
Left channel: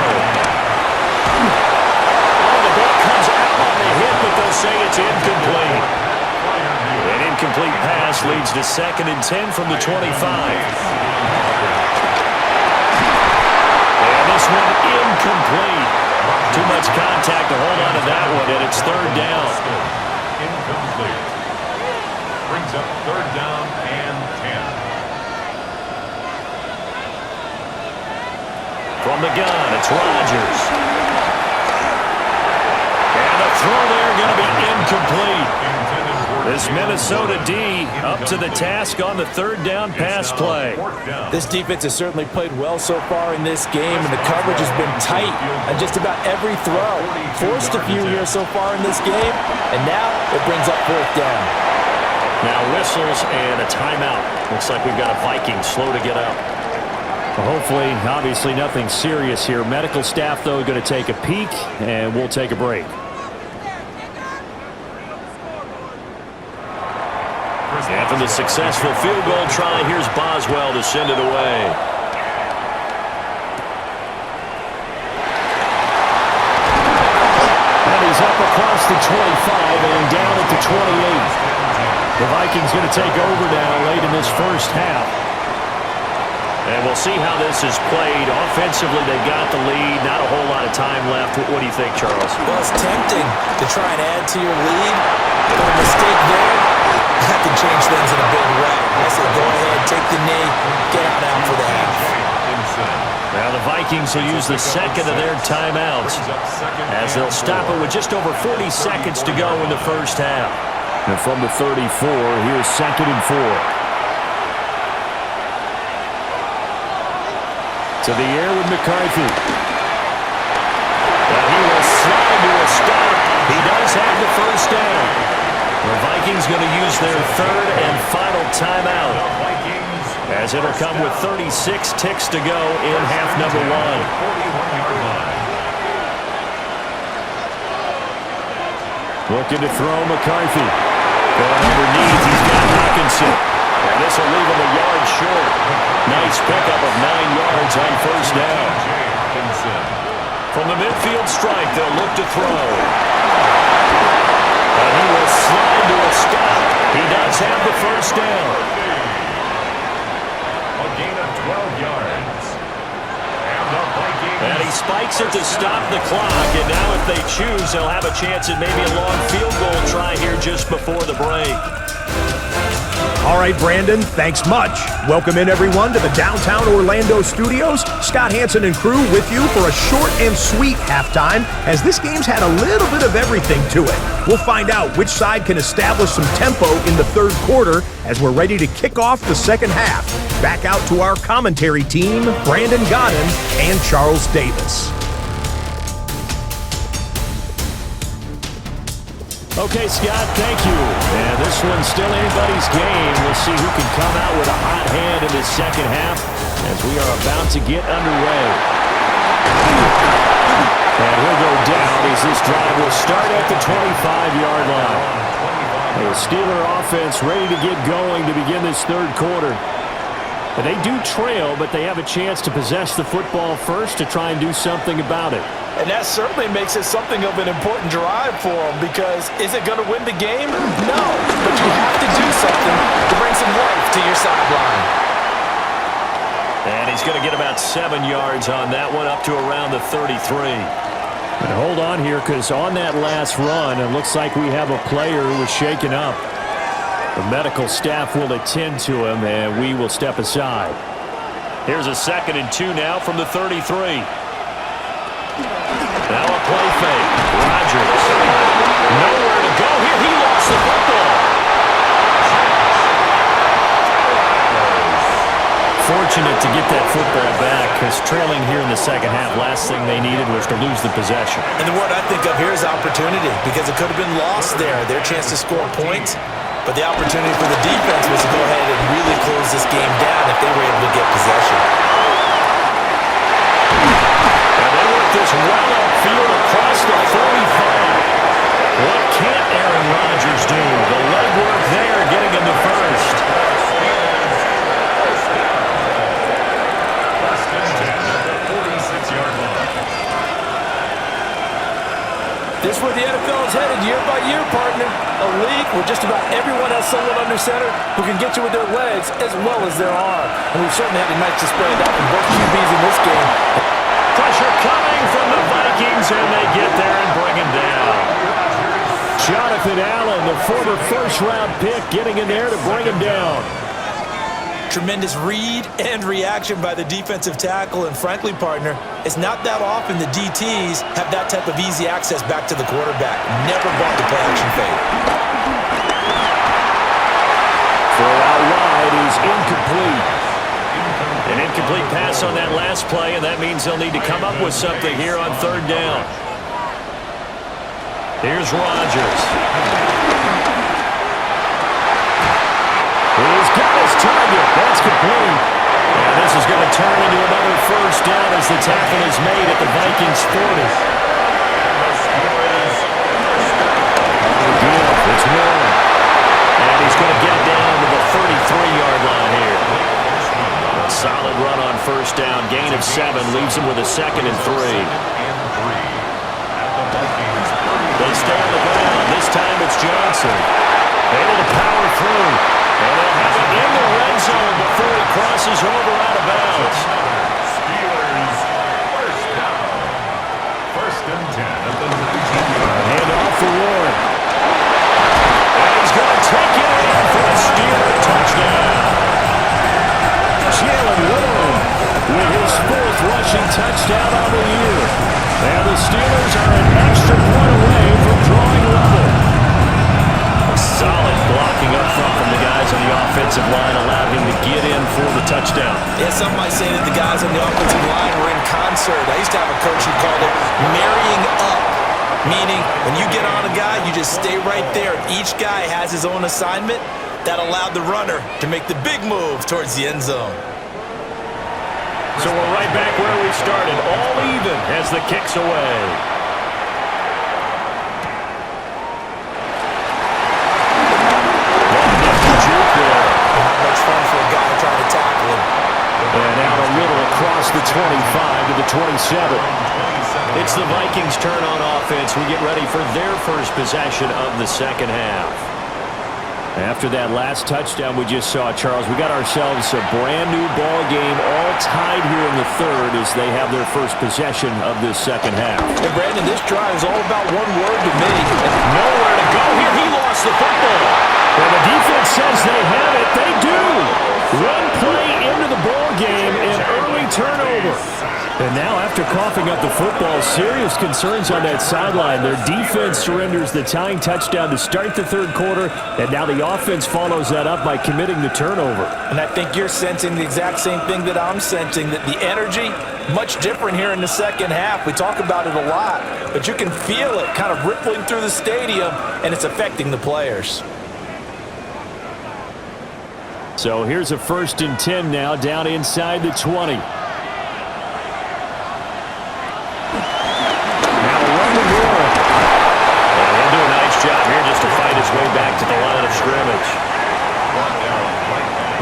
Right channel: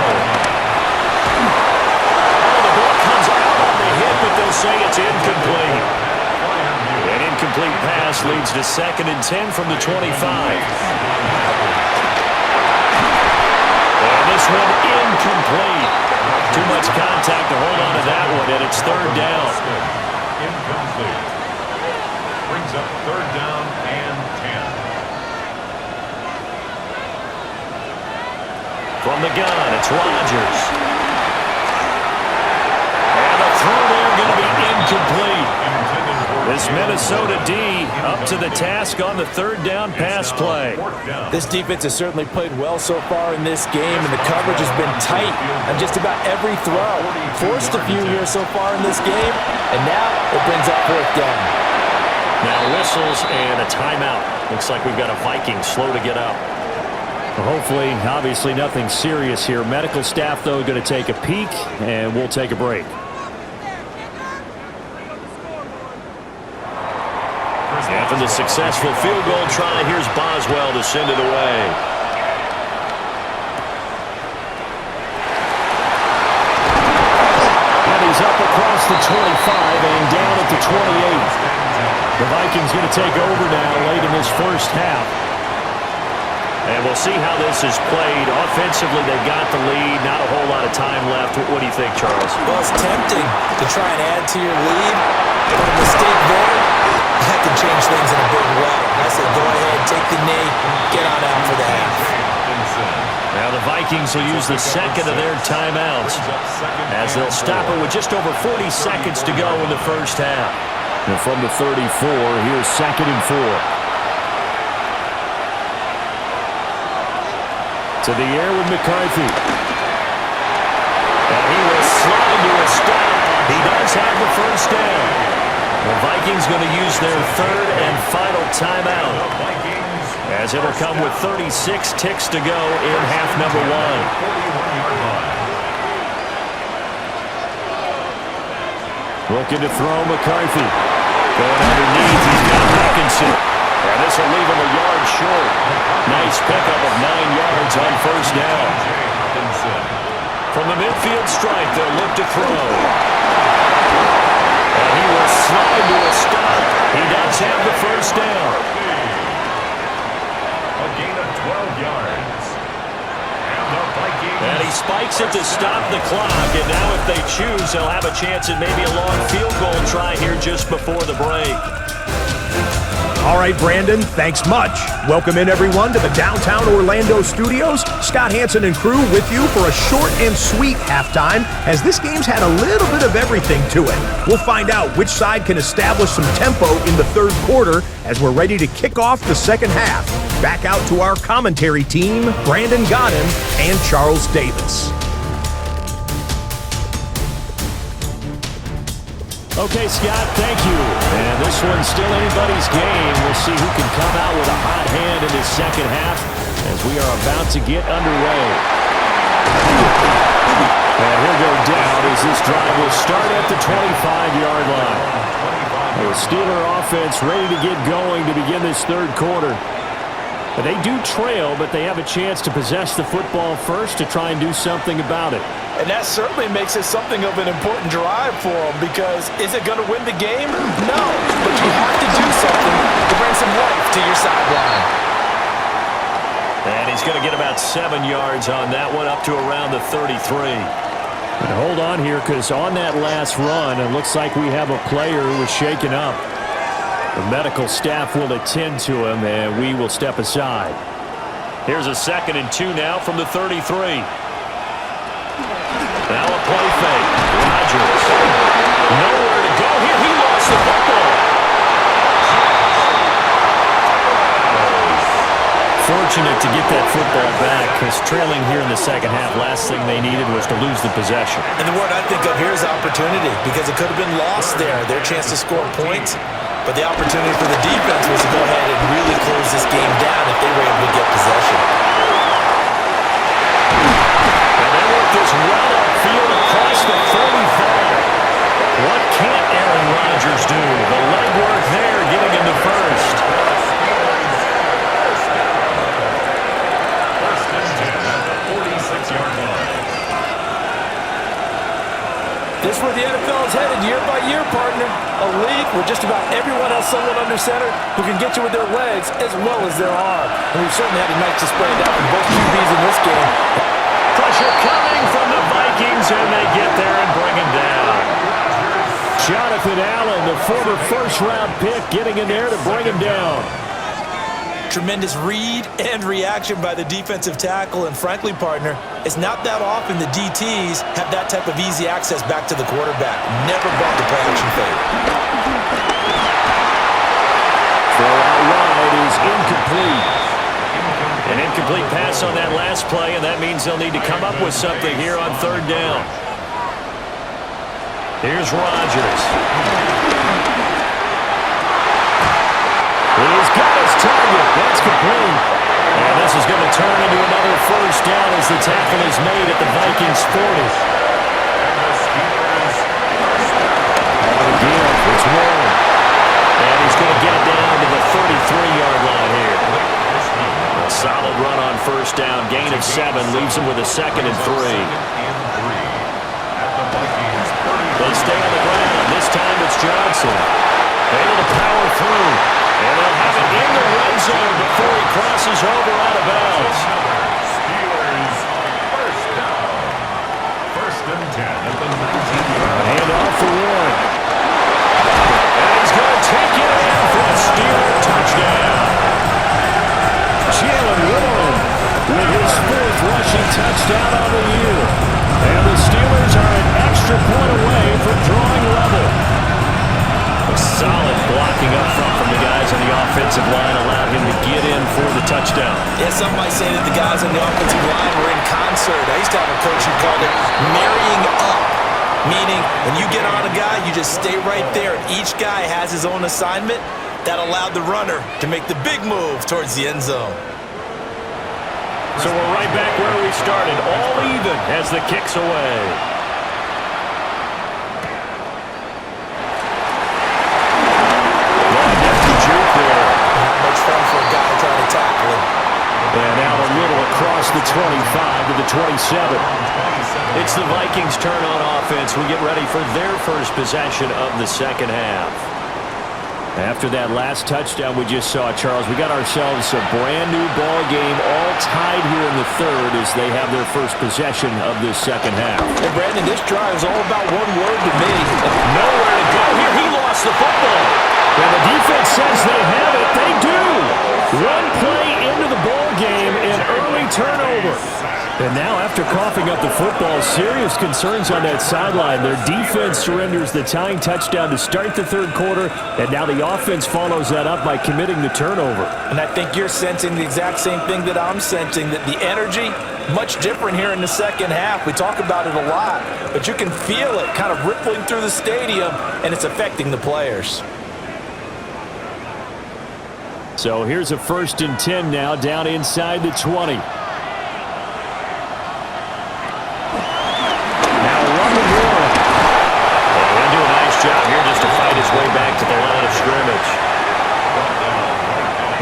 Oh, the ball comes out on the hit, but they'll say it's incomplete. incomplete pass leads to 2nd and 10 from the 25. And this one incomplete. Too much contact to hold on to that one, and it's 3rd down. Incomplete. Brings up 3rd down and 10. From the gun, it's Rodgers. And the throw there going to be incomplete. This Minnesota D up to the task on the 3rd down pass play. This defense has certainly played well so far in this game, and the coverage has been tight on just about every throw. Forced a few here so far in this game, and now it brings up 4th down. Now whistles and a timeout. Looks like we've got a Viking slow to get up. Well, hopefully, obviously nothing serious here. Medical staff, though, going to take a peek, and we'll take a break. After the successful field goal try, here's Boswell to send it away. And he's up across the 25 and down at the 28. The Vikings going to take over now late in this first half. And we'll see how this is played. Offensively, they've got the lead. Not a whole lot of time left. What do you think, Charles? Well, it's tempting to try and add to your lead, but a mistake there, that can change things in a big way. I say go ahead, take the knee, get on out for the half. Now the Vikings will use the 2nd of their timeouts as they'll stop it with just over 40 seconds to go in the first half. And from the 34, here's 2nd and 4. To the air with McCarthy. And he will slide to a stop. He does have the first down. The Vikings going to use their 3rd and final timeout, as it'll come with 36 ticks to go in half number 1. 41-yard line. Looking to throw McCarthy. Going underneath, he's got Hawkinson. And this will leave him a yard short. Nice pickup of 9 yards on first down. From the midfield stripe, they'll look to throw. And he will slide to a stop. He does have the first down. A gain of 12 yards. And the Vikings. And he spikes it to stop the clock. And now if they choose, they'll have a chance at maybe a long field goal try here just before the break. All right, Brandon, thanks much. Welcome in, everyone, to the downtown Orlando studios. Scott Hansen and crew with you for a short and sweet halftime, as this game's had a little bit of everything to it. We'll find out which side can establish some tempo in the 3rd quarter as we're ready to kick off the 2nd half. Back out to our commentary team, Brandon Godden and Charles Davis. Okay, Scott, thank you. And this one's still anybody's game. We'll see who can come out with a hot hand in this 2nd half as we are about to get underway. And he'll go down as this drive will start at the 25-yard line. The Steeler offense ready to get going to begin this 3rd quarter. And they do trail, but they have a chance to possess the football first to try and do something about it. And that certainly makes it something of an important drive for them, because is it going to win the game? No, but you have to do something to bring some life to your sideline. And he's going to get about 7 yards on that one, up to around the 33. And hold on here, because on that last run, it looks like we have a player who was shaken up. The medical staff will attend to him, and we will step aside. Here's a 2nd and 2 now from the 33. Now a play fake. Rodgers. Nowhere to go here. He lost the football. Fortunate to get that football back, because trailing here in the 2nd half, last thing they needed was to lose the possession. And the word I think of here is opportunity, because it could have been lost there. Their chance to score points. But the opportunity for the defense was to go ahead and really close this game down if they were able to get possession. And they work this well upfield across the 45. What can't Aaron Rodgers do? The legwork there, getting him to first. First and 10 at the 46-yard line. This is where the NFL is headed year by year, partner. A league where just about everyone has someone under center who can get you with their legs as well as their arm. And we've certainly had a nice display of that from both QBs in this game. Pressure coming from the Vikings, and they get there and bring him down. Jonathan Allen, the former first-round pick, getting in there to bring him down. Tremendous read and reaction by the defensive tackle, and frankly, partner, it's not that often the DTs have that type of easy access back to the quarterback. Never bought the play-action fade. Throw out wide is incomplete. An incomplete pass on that last play, and that means they'll need to come up with something here on third down. Here's Rodgers. He's got his target. That's complete. And this is going to turn into another first down as the tackle is made at the Vikings 40. And the Steelers first down. On the give, it's Warren. And he's going to get it down to the 33-yard line here. A solid run on first down. Gain of 7 leaves him with a 2nd and 3. At the Vikings 30. They stay on the ground. This time it's Johnson. Able to power through. And they'll have it in the red zone before he crosses over out of bounds. Steelers first down. 1st and 10 at the 19-yard line. Hand off for Warren. And he's going to take it in for a Steeler touchdown. Jalen Warren with his 4th rushing touchdown on the year. And the Steelers are an extra point away from drawing level. Solid blocking up front from the guys on the offensive line allowed him to get in for the touchdown. Yeah, some might say that the guys on the offensive line were in concert. I used to have a coach who called it marrying up, meaning when you get on a guy, you just stay right there, and each guy has his own assignment. That allowed the runner to make the big move towards the end zone. So we're right back where we started, all even as the kick's away. Juke there. Not much fun for a guy trying to tackle him. And out a little across the 25 to the 27. It's the Vikings' turn on offense. We get ready for their first possession of the second half. After that last touchdown we just saw, Charles, we got ourselves a brand new ball game, all tied here in the third as they have their first possession of this second half. And Brandon, this drive is all about one word to me. Nowhere to go here. He lost the football. And the defense says they have it. They do. One play into the ball game, an early turnover. And now after coughing up the football, serious concerns on that sideline. Their defense surrenders the tying touchdown to start the third quarter, and now the offense follows that up by committing the turnover. And I think you're sensing the exact same thing that I'm sensing, that the energy, much different here in the second half. We talk about it a lot, but you can feel it kind of rippling through the stadium, and it's affecting the players. So here's a 1st and 10 now, down inside the 20. Now running Warren. And he'll do a nice job here just to fight his way back to the line of scrimmage.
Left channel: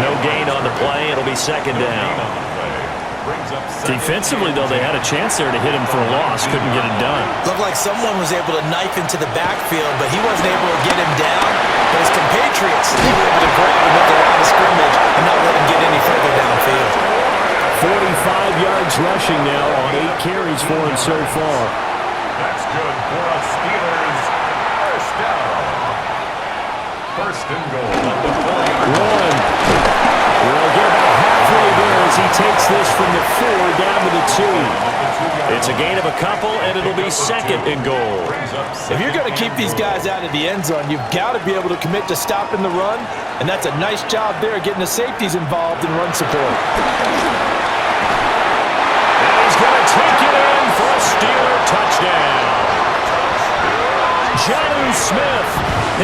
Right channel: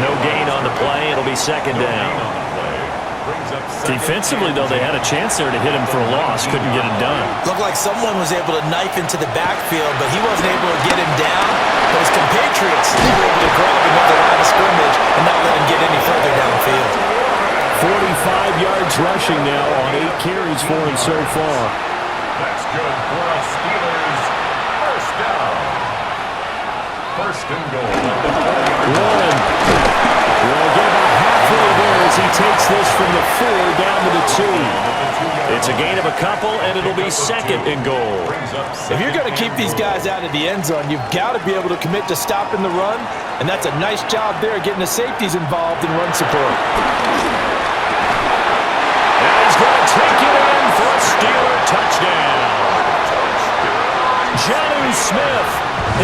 No gain on the play. It'll be 2nd down. Defensively, though, they had a chance there to hit him for a loss. Couldn't get it done. Looked like someone was able to knife into the backfield, but he wasn't able to get him down. But his compatriots, they were able to grab him at the line of scrimmage and not let him get any further downfield. 45 yards rushing now on 8 carries for him so far. That's good for a Steelers first down. 1st and goal at the 4-yard line. Warren will get about halfway there as he takes this from the 4 down to the 2. It's a gain of a couple, and it'll be 2nd and goal. If you're going to keep these guys out of the end zone, you've got to be able to commit to stopping the run, and that's a nice job there getting the safeties involved in run support. And he's going to take it in for a Steeler touchdown. Jonnu Smith,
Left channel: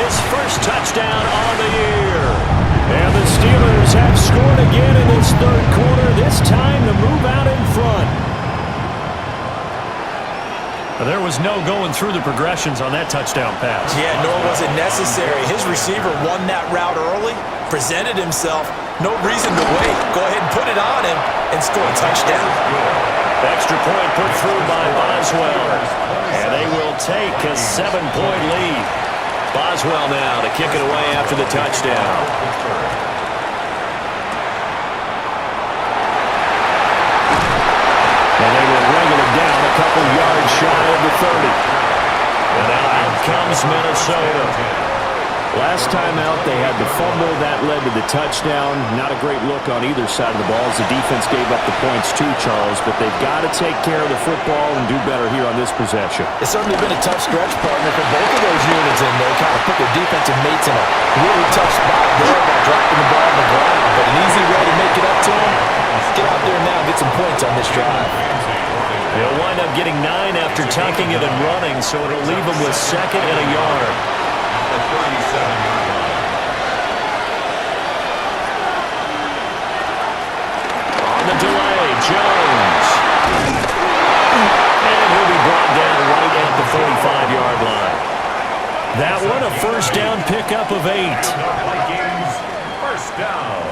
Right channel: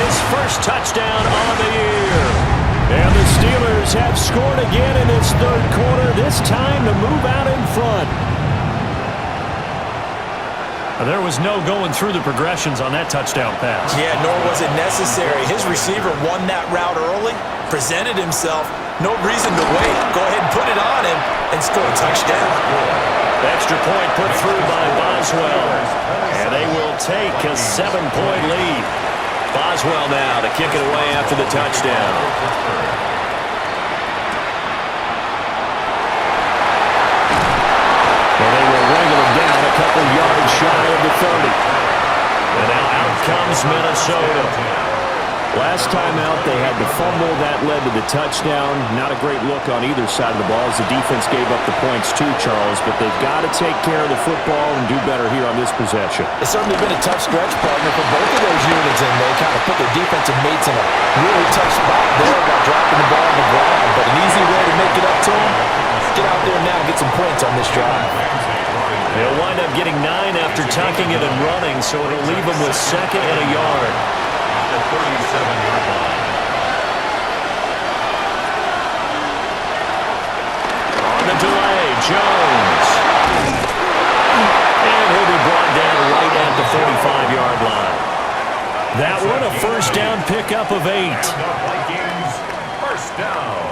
his first touchdown on the year. And the Steelers have scored again in this third quarter, this time to move out in front. There was no going through the progressions on that touchdown pass. Yeah, nor was it necessary. His receiver won that route early, presented himself, no reason to wait. Go ahead and put it on him and score a touchdown. Extra point put through by Boswell. And they will take a 7-point lead. Boswell now to kick it away after the touchdown. And they will wrangle him down a couple yards shy of the 30. And now out comes Minnesota. Last time out, they had the fumble. That led to the touchdown. Not a great look on either side of the ball as the defense gave up the points too, Charles. But they've got to take care of the football and do better here on this possession. It's certainly been a tough stretch, partner, for both of those units, and they kind of put their defensive mates in a really tough spot there by dropping the ball on the ground. But an easy way to make it up to them, get out there now and get some points on this drive. They'll wind up getting 9 after tucking it and running, so it'll leave them with 2nd and a yard. The 37-yard line. On the delay, Jones. And he'll be brought down right at the 45-yard line. That one a first down pickup of 8. And the Vikings, first down.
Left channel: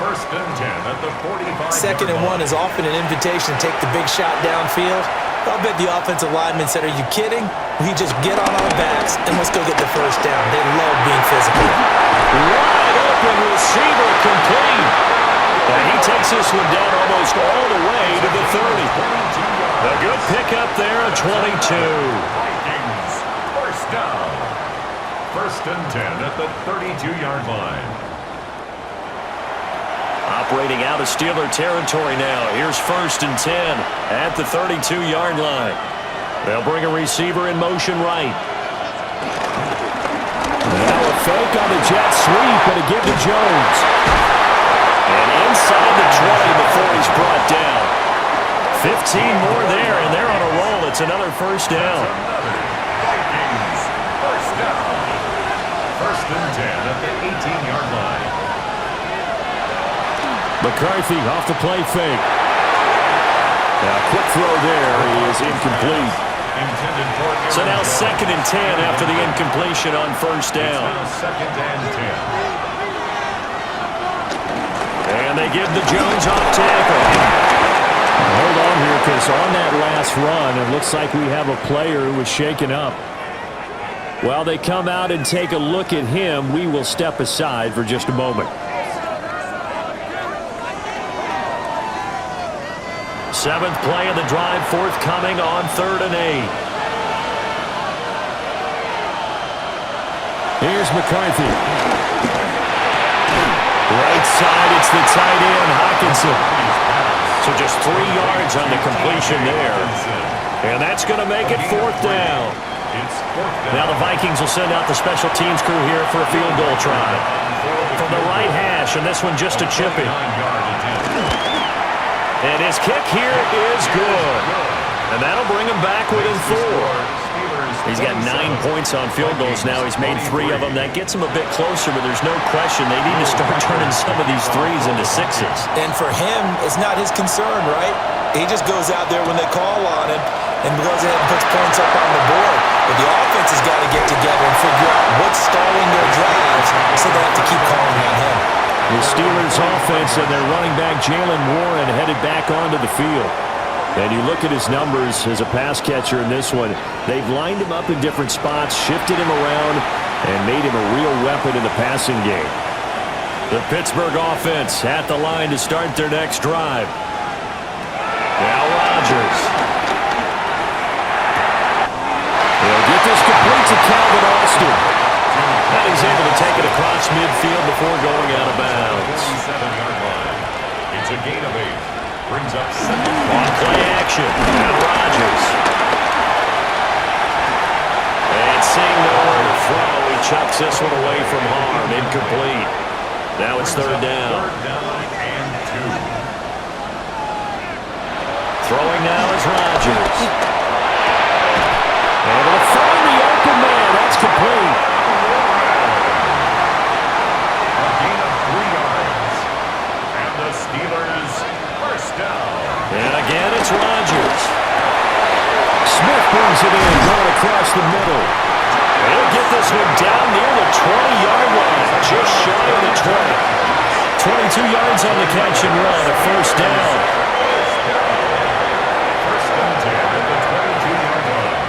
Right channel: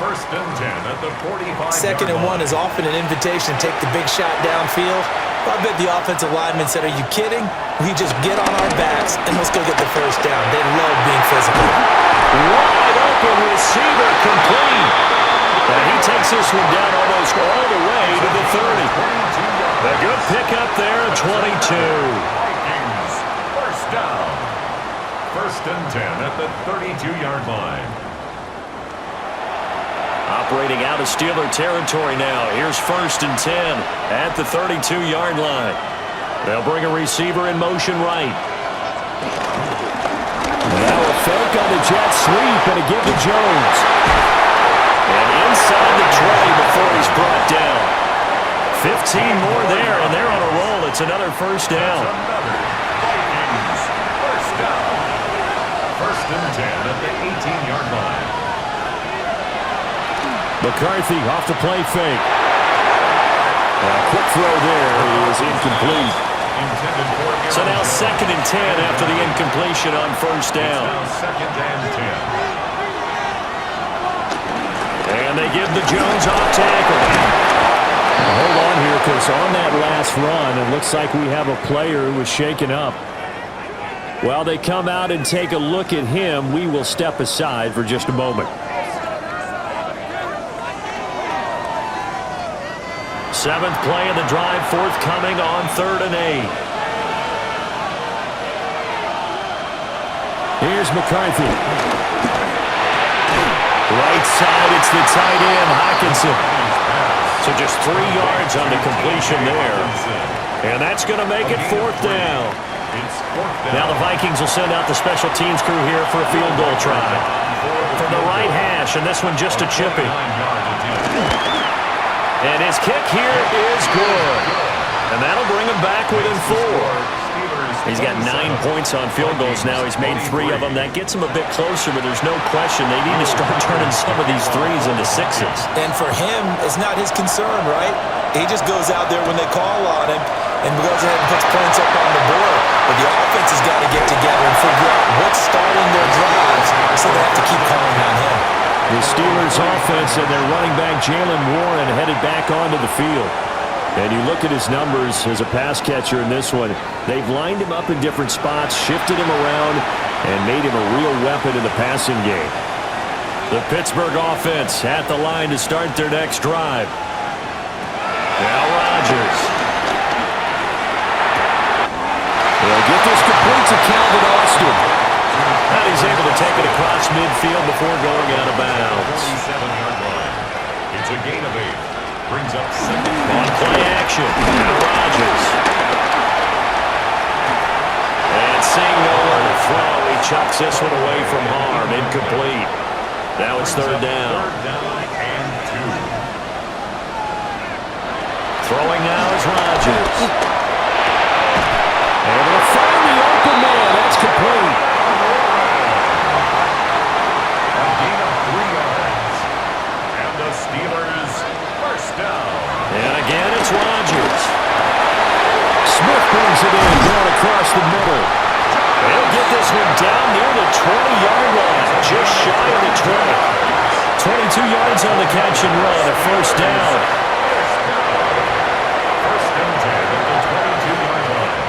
1st and 10 at the 45-yard 2nd and 1 line. is often an invitation to take the big shot downfield. I bet the offensive lineman said, "Are you kidding? We just get on our backs and let's go get the first down." They love being physical. Wide open receiver complete. And he takes this one down almost all the way to the 30. A good pickup there, a 22. Vikings, first down. 1st and 10 at the 32-yard line. Operating out of Steeler territory now. Here's 1st and 10 at the 32-yard line. They'll bring a receiver in motion right. Now a fake on the jet sweep and a give to Jones. And inside the 20 before he's brought down. 15 more there, and they're on a roll. It's another first down. Another Vikings, first down. 1st and 10 at the 18-yard line. McCarthy off the play fake. Now, quick throw there is incomplete. Intended for So now 2nd and 10 after the incompletion on first down. Now 2nd and 10. And they give the Jones off tackle. Now, hold on here, because on that last run, it looks like we have a player who was shaken up. While they come out and take a look at him, we will step aside for just a moment. 7th play of the drive forthcoming on 3rd and 8. Here's McCarthy. Right side, it's the tight end, Hockenson. So just 3 yards on the completion there. And that's going to make it 4th down. It's 4th down. Now the Vikings will send out the special teams crew here for a field goal try. From the right hash, and this one just a chipping. 9-yard attempt. And his kick here is good. And that'll bring him back within 4. He's got 9 points on field goals now. He's made 3 of them. That gets him a bit closer, but there's no question they need to start turning some of these 3s into 6s. And for him, it's not his concern, right? He just goes out there when they call on him and goes ahead and puts points up on the board. But the offense has got to get together and figure out what's stalling their drives, so they have to keep calling on him. The Steelers offense and their running back Jalen Warren headed back onto the field. And you look at his numbers as a pass catcher in this one. They've lined him up in different spots, shifted him around, and made him a real weapon in the passing game. The Pittsburgh offense at the line to start their next drive. Now Rodgers. They'll get this complete to Calvin Austin. And he's able to take it across midfield before going out of bounds. 47-yard line. It's a gain of 8. Brings up 2nd. On play action. Now Rodgers. And seeing nowhere to throw, he chucks this one away from harm. Incomplete. Now it's 3rd down. 3rd down and 2. Throwing now is Rodgers. Able to find the open man. That's complete. A gain of 3 yards. And the Steelers first down. And again, it's Rodgers. Smith brings it in, going across the middle. He'll get this one down near the 20-yard line, just shy of the 20. 22 yards on the catch and run, a first down. First down. 1st and 10 at the 22-yard line.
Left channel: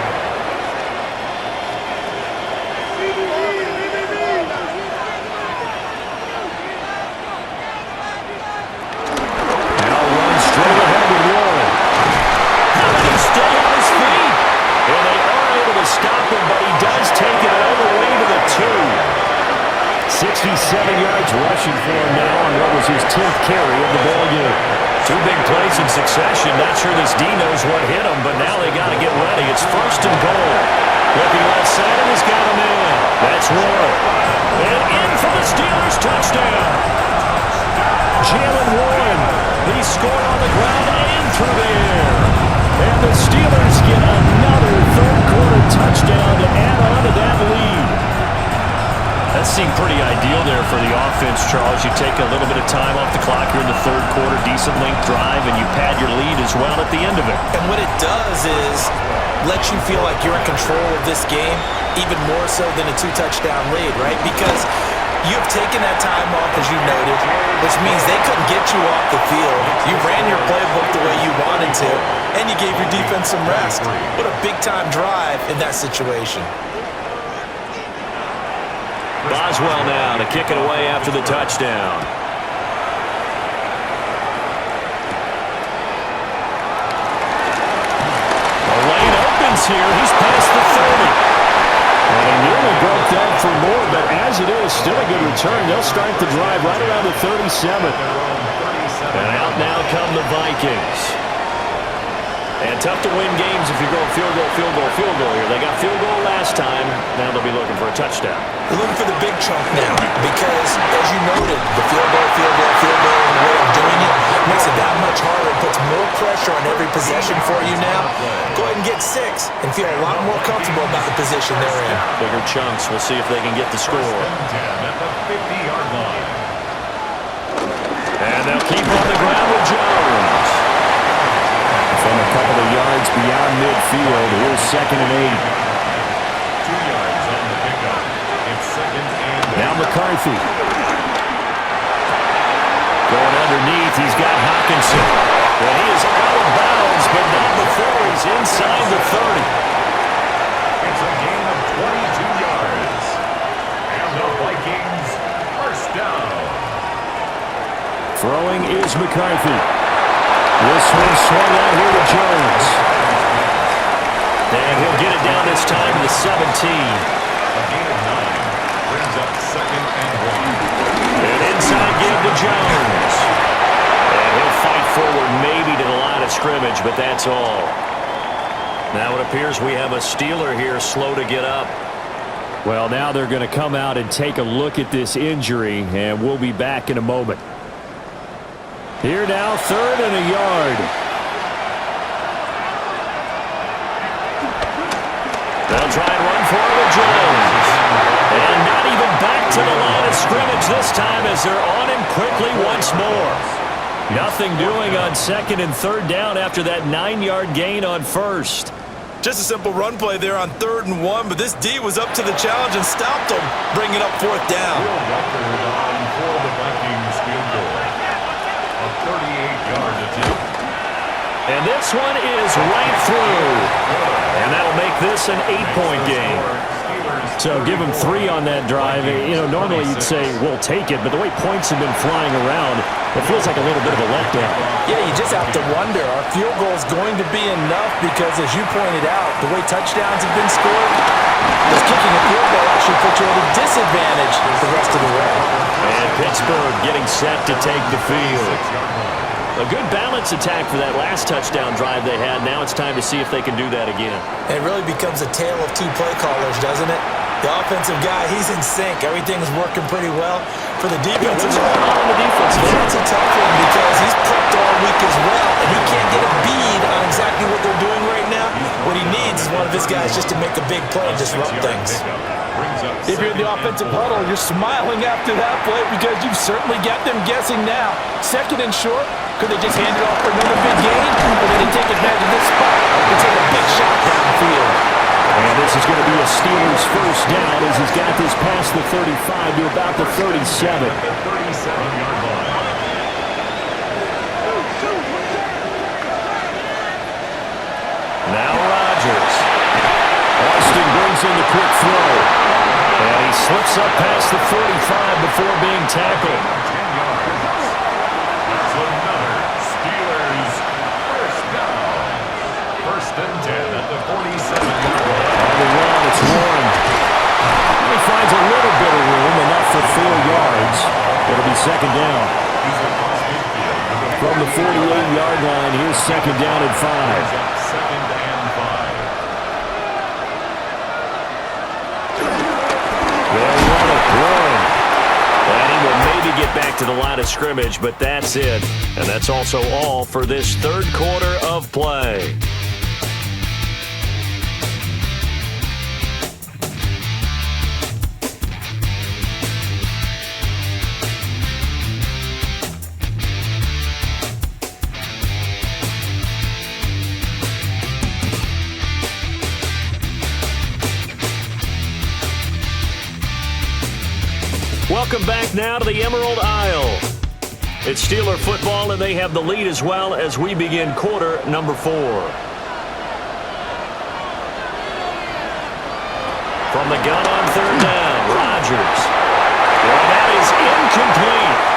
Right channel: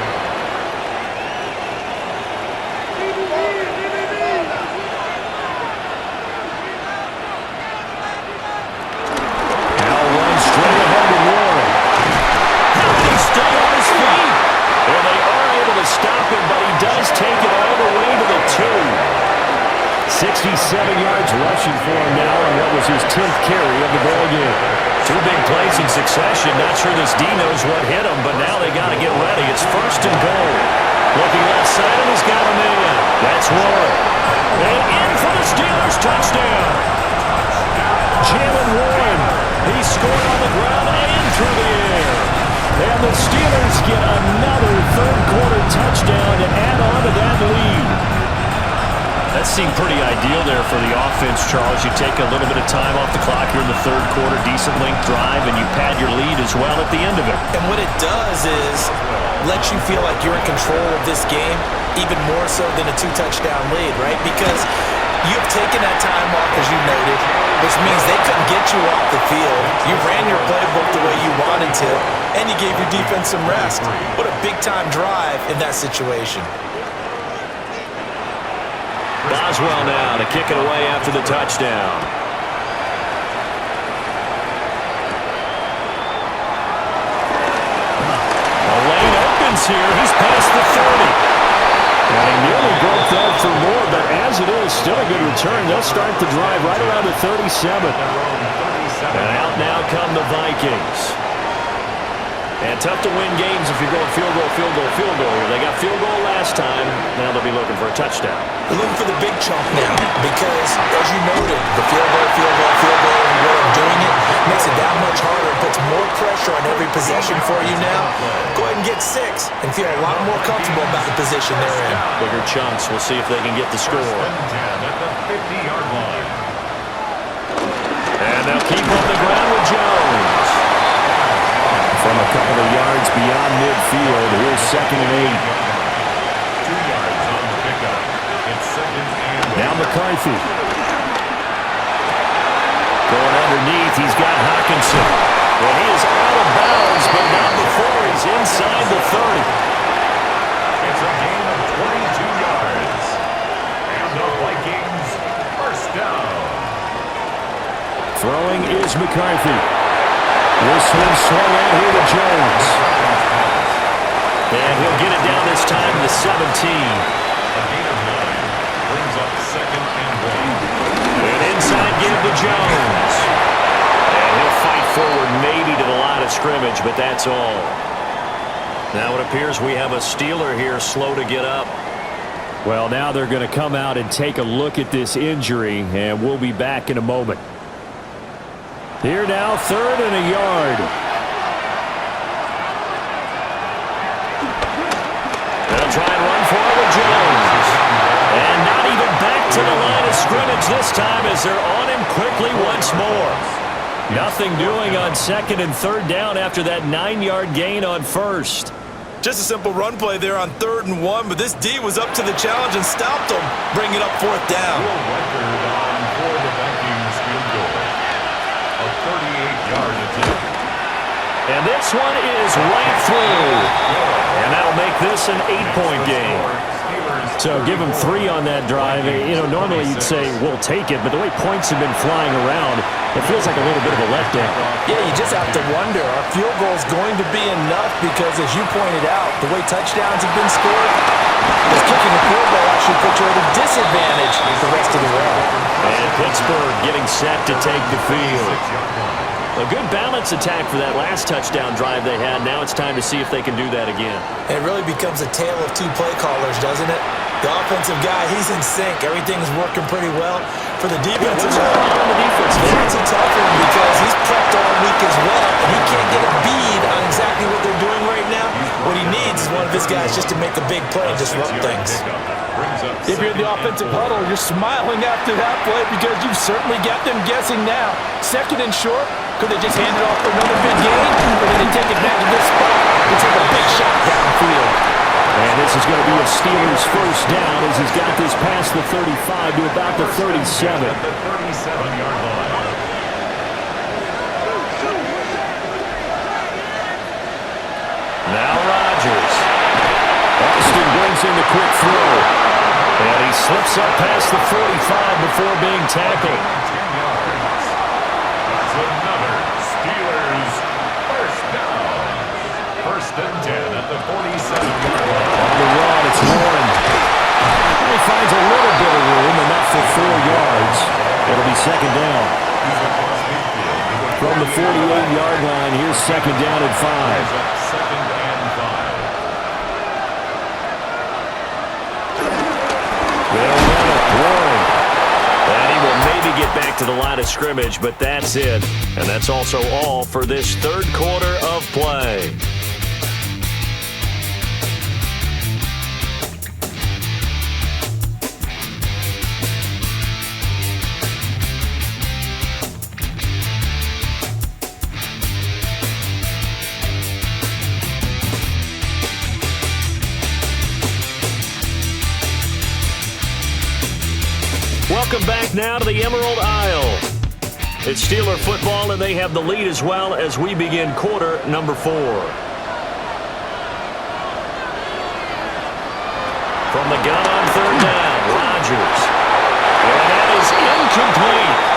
straight ahead with Warren. How did he stay on his feet? And they are able to stop him, but he does take it all the way to the 2. 67 yards rushing for him now on what was his 10th carry of the ball game. 2 big plays in succession. Not sure this D knows what hit him, but now they got to get ready. It's 1st and goal. Looking left side, and he's got a man. That's Warren. And in for the Steelers, touchdown. Jalen Warren. He scored on the ground and through the air. And the Steelers get another third-quarter touchdown to add on to that lead. That seemed pretty ideal there for the offense, Charles. You take a little bit of time off the clock here in the third quarter, decent length drive, and you pad your lead as well at the end of it. And what it does is lets you feel like you're in control of this game, even more so than a 2-touchdown lead, right? Because you've taken that time off, as you noted, which means they couldn't get you off the field. You ran your playbook the way you wanted to, and you gave your defense some rest. What a big-time drive in that situation. Boswell now to kick it away after the touchdown. The lane opens here. He's past the 30. And he nearly broke that for more, but as it is, still a good return. They'll start the drive right around the 37. And out now come the Vikings. And tough to win games if you're going field goal here. They got field goal last time. Now they'll be looking for a touchdown. They're looking for the big chunk now because, as you noted, the field goal, and the way of doing it makes it that much harder and puts more pressure on every possession for you now. Go ahead and get 6 and feel a lot more comfortable about the position they're in. Bigger chunks. We'll see if they can get the score. 10 at the 50-yard line. And they'll keep on the ground with Jones. From a couple of yards beyond midfield, here's 2nd and 8. 2 yards on the pickup. It's 2nd and 8. Now McCarthy. Going underneath, he's got Hawkinson. And he is out of bounds, but not before he's inside the 30. It's a gain of 22 yards. And the Vikings first down. Throwing is McCarthy. This one swung out here to Jones. And he'll get it down this time to the 17. A gain of 9 brings up 2nd and 1. An inside give to Jones. And he'll fight forward maybe to the line of scrimmage, but that's all. Now it appears we have a Steeler here slow to get up. Well, now they're going to come out and take a look at this injury, and we'll be back in a moment. Here now, 3rd and a yard. They'll try and run for it with Jones. And not even back to the line of scrimmage this time as they're on him quickly once more. Nothing doing on 2nd and 3rd down after that 9-yard gain on 1st. Just a simple run play there on 3rd and 1, but this D was up to the challenge and stopped them, bringing up 4th down. Field record on for the Vikings field goal. A 38-yard attempt. And this one is right through. And that'll make this an 8-point game. So give them 3 on that drive. You know, normally you'd say, we'll take it, but the way points have been flying around, it feels like a little bit of a letdown. Yeah, you just have to wonder, are field goals going to be enough? Because as you pointed out, the way touchdowns have been scored, this kicking a field goal actually puts you at a disadvantage the rest of the way. And Pittsburgh getting set to take the field. A good balance attack for that last touchdown drive they had. Now it's time to see if they can do that again. And it really becomes a tale of 2 play callers, doesn't it? The offensive guy, he's in sync. Everything's working pretty well. For the defensive what's going on the defense? It's a tough one because he's prepped all week as well, and he can't get a bead on exactly what they're doing right now. What he needs is one of his guys just to make a big play and disrupt things. If you're in the offensive huddle, you're smiling after that play because you've certainly got them guessing now. 2nd and short, could they just hand it off for another big gain, or did they take advantage of this spot to take a big shot downfield? And this is going to be a Steelers first down as he's got this past the 35 to about the 37. At the 37-yard line. Now Rodgers. Austin brings in the quick throw. And he slips up past the 45 before being tackled. 10 yards. That's another Steelers First and 10 at the 47-yard line. On the run, it's Warren. He finds a little bit of room, enough for 4 yards. It'll be second down. He's across midfield to the From the 48-yard line, here's second down and 5. He's up second and 5. They'll run it, Warren. And he will maybe get back to the line of scrimmage, but that's it. And that's also all for this third quarter of play. Welcome back now to the Emerald Isle. It's Steeler football, and they have the lead as well as we begin quarter number 4. From the gun on third down, Rodgers. And that is incomplete.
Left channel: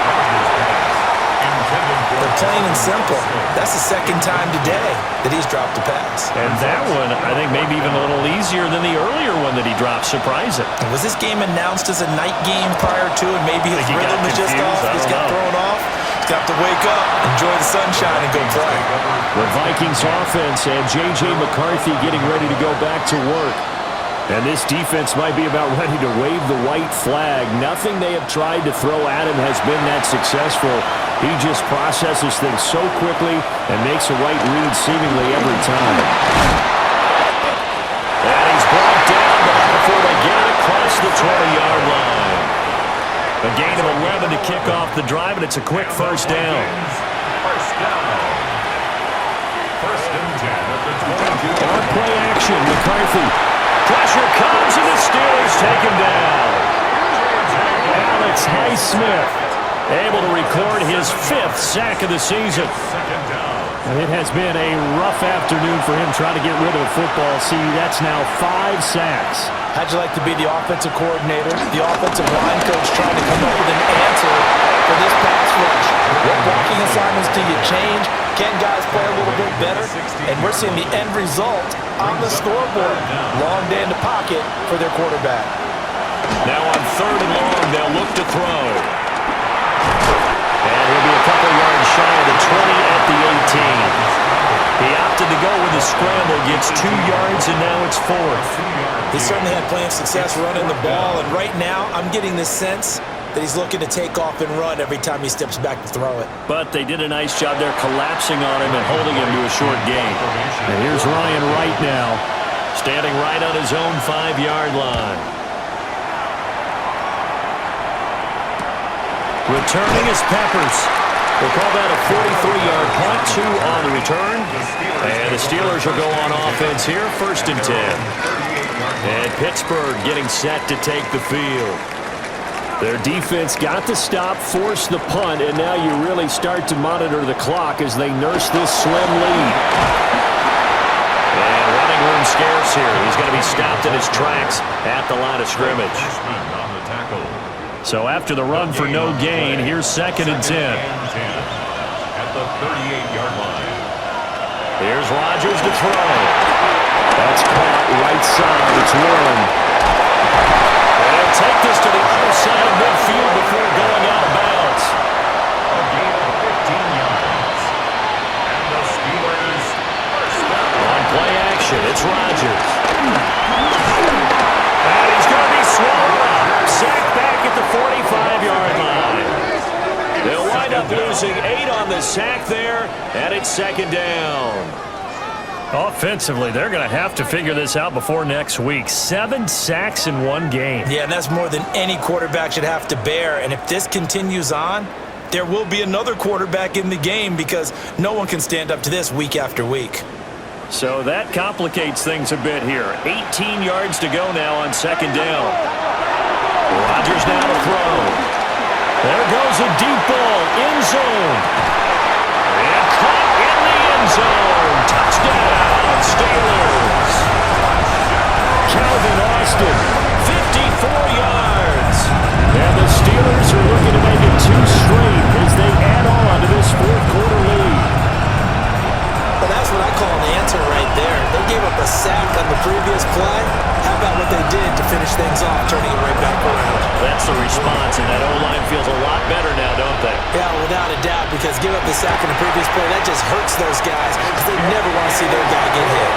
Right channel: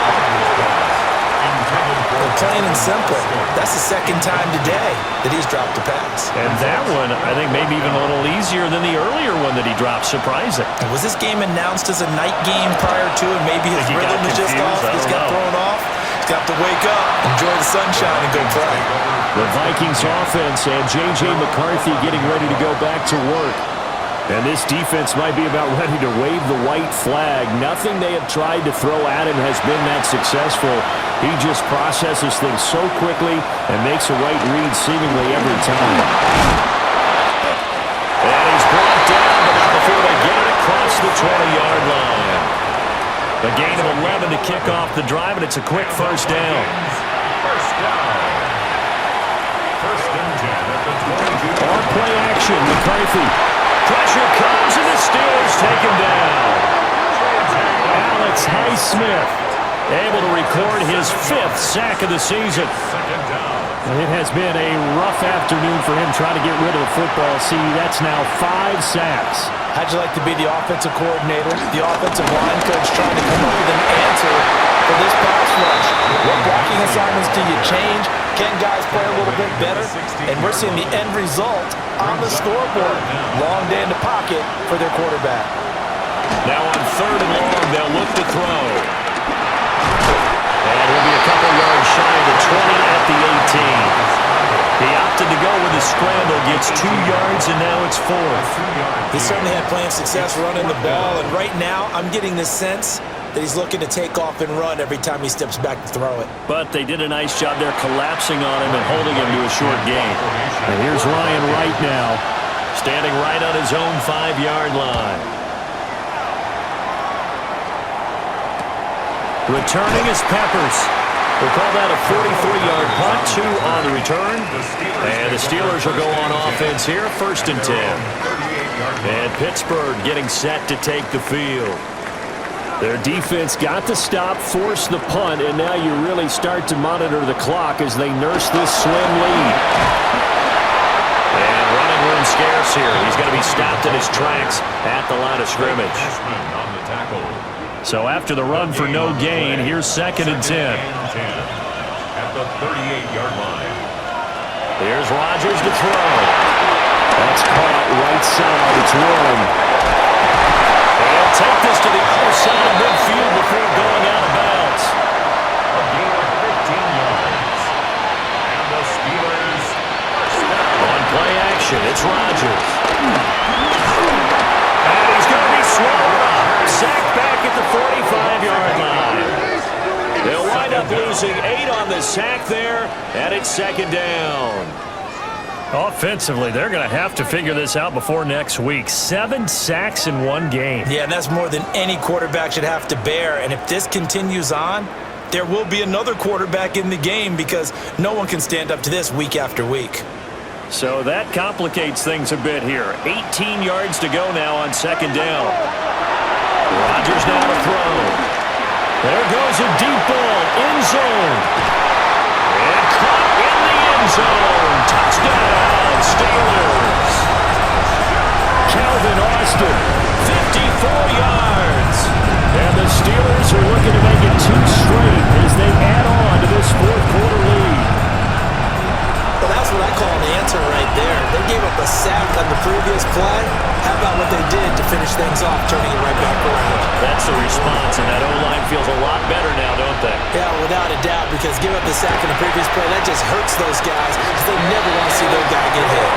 Plain and simple. That's the second time today that he's dropped a pass. And that one, I think, maybe even a little easier than the earlier one that he dropped. Surprising. Was this game announced as a night game prior to, and maybe his rhythm is just off? He's got thrown off. He's got to wake up, enjoy the sunshine, and go play. The Vikings offense and J.J. McCarthy getting ready to go back to work. And this defense might be about ready to wave the white flag. Nothing they have tried to throw at him has been that successful. He just processes things so quickly and makes a right read seemingly every time. And he's brought down, but not before they get it across the 20-yard line. A gain of 11 to kick off the drive, and it's a quick first down. First down. First and 10 at the 22. On play action, McCarthy. Pressure comes, and the Steelers take him down. Alex Highsmith able to record his 5th sack of the season. Second down. And it has been a rough afternoon for him trying to get rid of the football. See, that's now 5 sacks. How'd you like to be the offensive coordinator, the offensive line coach trying to come up with an answer for this pass rush? What blocking assignments do you change? Can guys play a little bit better? And we're seeing the end result on the scoreboard. Long day in the pocket for their quarterback. Now on third and long, they'll look to throw. And he'll be a couple yards shy of the 20 at the 18. He opted to go with a scramble, gets 2 yards, and now it's 4th. He certainly had plenty of success running the ball, and right now I'm getting this sense that he's looking to take off and run every time he steps back to throw it. But they did a nice job there collapsing on him and holding him to a short gain. And here's Ryan Wright now, standing right on his own 5-yard line. Returning is Peppers. We'll call that a 43-yard punt, 2 on the return. And the Steelers will go on offense here, first and 10. And Pittsburgh getting set to take the field. Their defense got the stop, forced the punt, and now you really start to monitor the clock as they nurse this slim lead. And running room scarce here. He's going to be stopped in his tracks at the line of scrimmage. On the tackle. So after the run for no gain, here's second and 10. At the 38-yard line. Here's Rodgers to throw. That's caught right side. It's Warren. They'll take this to the other side of midfield before going out of bounds. A gain of 15 yards. And the Steelers first down. On play action, it's Rodgers. And he's going to be swallowed up. Sacked back at the 45-yard line. They'll wind up losing 8 on the sack there, and it's second down. Offensively, they're going to have to figure this out before next week. 7 sacks in 1 game. Yeah, and that's more than any quarterback should have to bear. And if this continues on, there will be another quarterback in the game because no one can stand up to this week after week. So that complicates things a bit here. 18 yards to go now on second down. Rodgers now to throw. There goes a deep ball, end zone. And caught in the end zone. Touchdown, Steelers. Calvin Austin, 54 yards. And the Steelers are looking to make it 2 straight as they add on to this fourth quarter lead. Well, that's what I call an answer right there. gave up a sack on the previous play. How about what they did to finish things off, turning it right back around? That's the response, and that O-line feels a lot better now, don't they? Yeah, without a doubt, because give up the sack in the previous play, that just hurts those guys because they never want to see their guy get hit.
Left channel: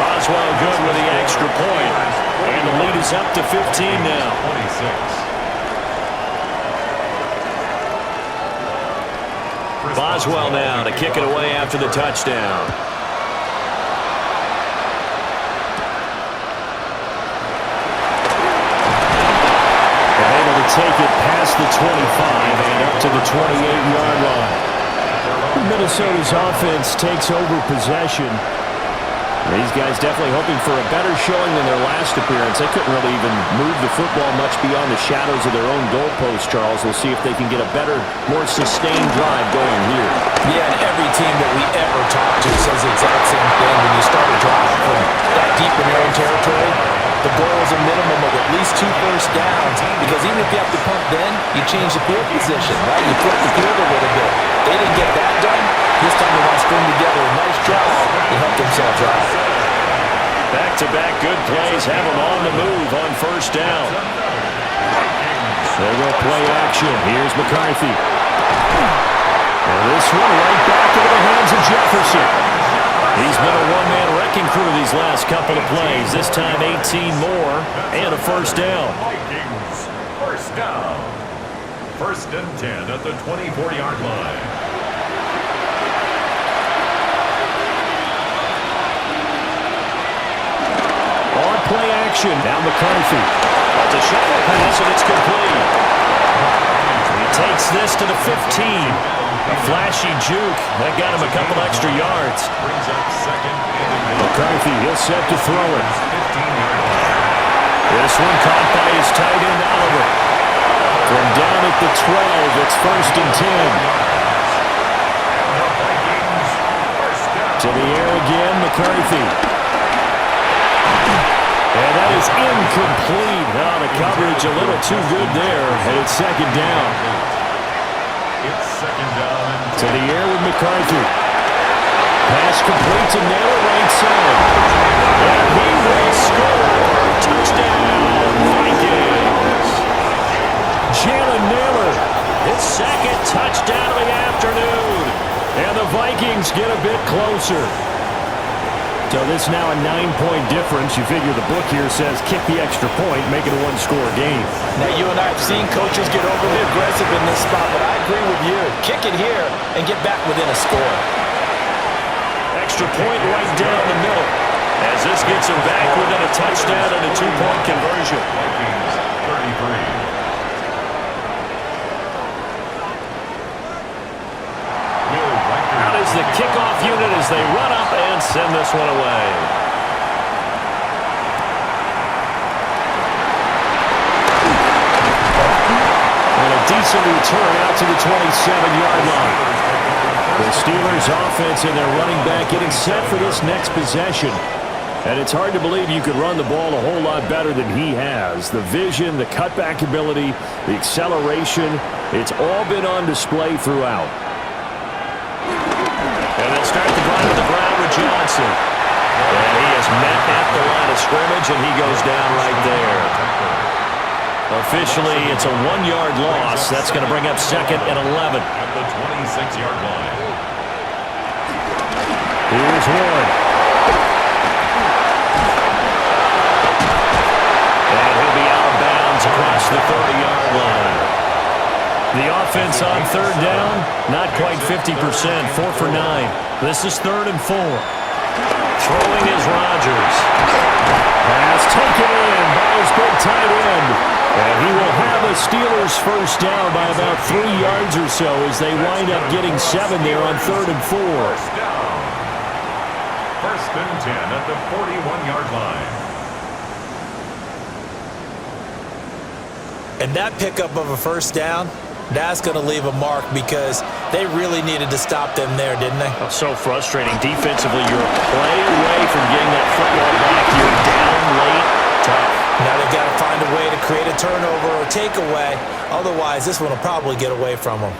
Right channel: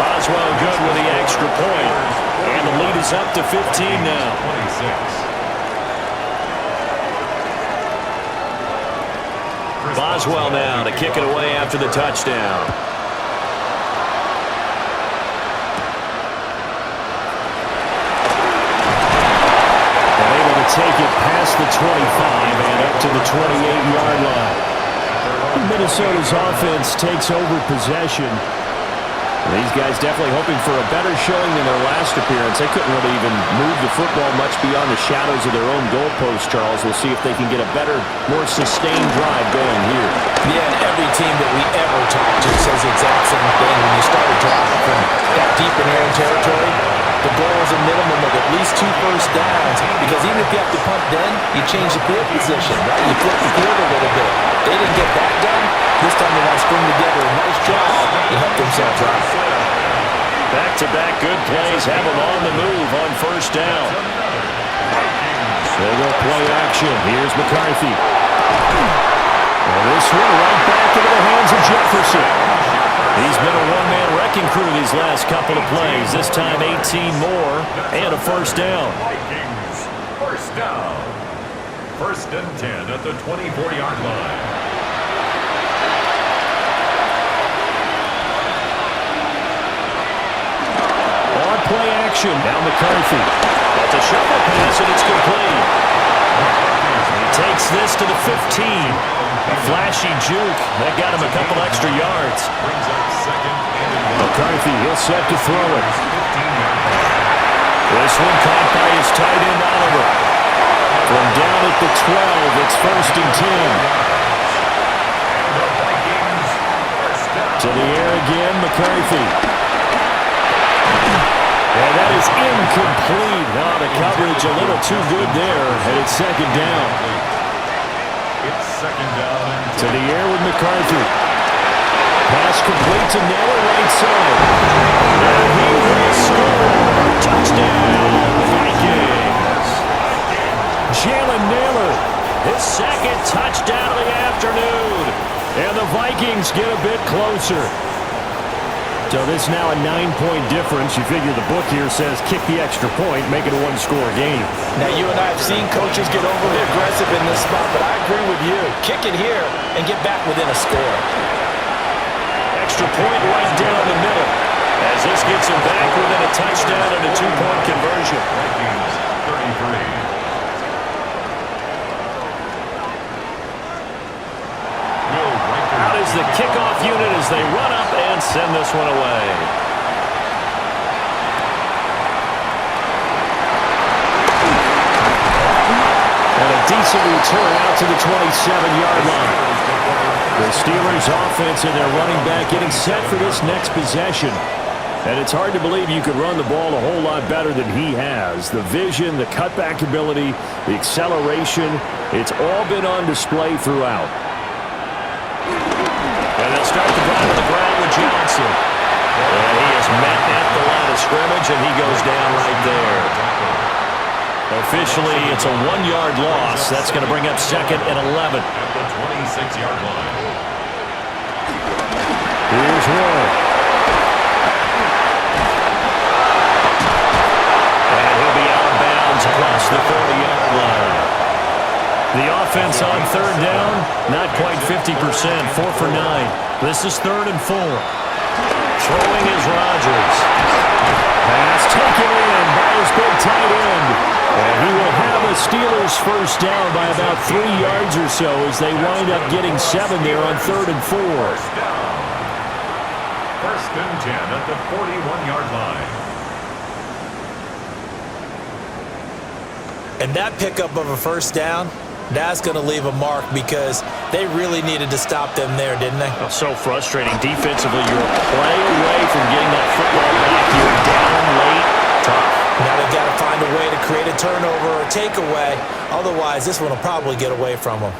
Boswell good with the extra point, and the lead is up to 15 now. 26. Boswell now to kick it away after the touchdown. And able to take it past the 25 and up to the 28-yard line. Minnesota's offense takes over possession. These guys definitely hoping for a better showing than their last appearance. They couldn't really even move the football much beyond the shadows of their own goalpost, Charles. We'll see if they can get a better, more sustained drive going here. Yeah, and every team that we ever talk to says the exact same thing. When you start a drive from that deep in their own territory, the goal is a minimum of at least 2 first downs, because even if you have to punt then, you change the field position, right? You flip the field a little bit. They didn't get that done. This time they want to string together a nice drive to help themselves out. Back-to-back good plays have them on the move on first down. They go play action. Here's McCarthy. And this one right back into the hands of Jefferson. He's been a one-man wrecking crew these last couple of plays. This time 18 more and a first down. Vikings, first down. First and 10 at the 24-yard line. On play action. Now McCarthy. That's a shuffle pass, and it's complete. He takes this to the 15. A flashy juke. That got him a couple extra yards. Brings up second and McCarthy, he'll set to throw it. 15-yard line. This one caught by his tight end, Oliver. From down at the 12, it's first and 10. And the Vikings, first down. To the air again, McCarthy. And that is incomplete. Oh, the coverage a little too good there, and it's second down. It's second down and 10. To the air with McCarthy. Pass complete to Naylor, right side. And he will score. Touchdown, Vikings. Jalen Naylor, his second touchdown of the afternoon. And the Vikings get a bit closer. So this now a 9-point difference. You figure the book here says kick the extra point, make it a one-score game. Now, you and I have seen coaches get overly aggressive in this spot, but I agree with you. Kick it here and get back within a score. Extra point right down the middle, as this gets him back within a touchdown and a 2-point conversion. Vikings, 33. Out is the kickoff unit as they run up and send this one away. And a decent return out to the 27-yard line. The Steelers offense and their running back getting set for this next possession. And it's hard to believe you could run the ball a whole lot better than he has. The vision, the cutback ability, the acceleration, it's all been on display throughout. And they'll start the drive on the ground with Johnson. And he is met at the line of scrimmage, and he goes down right there. Officially, it's a 1-yard loss. That's going to bring up second and 11. At the 26-yard line. Here's one. And he'll be out of bounds across the 30-yard line. The offense on third down, not quite 50%, 4 for 9. This is 3rd and 4. Throwing is Rodgers. Pass taken in by his big tight end. And he will have a Steelers first down by about 3 yards or so as they wind up getting 7 there on 3rd and 4. First down. First and 10 at the 41-yard line. And that pickup of a first down, that's going to leave a mark because they really needed to stop them there, didn't they? Oh, so frustrating. Defensively, you're a play away from getting that football back. You're down late. Tough. Now they've got to find a way to create a turnover or takeaway. Otherwise, this one will probably get away from them.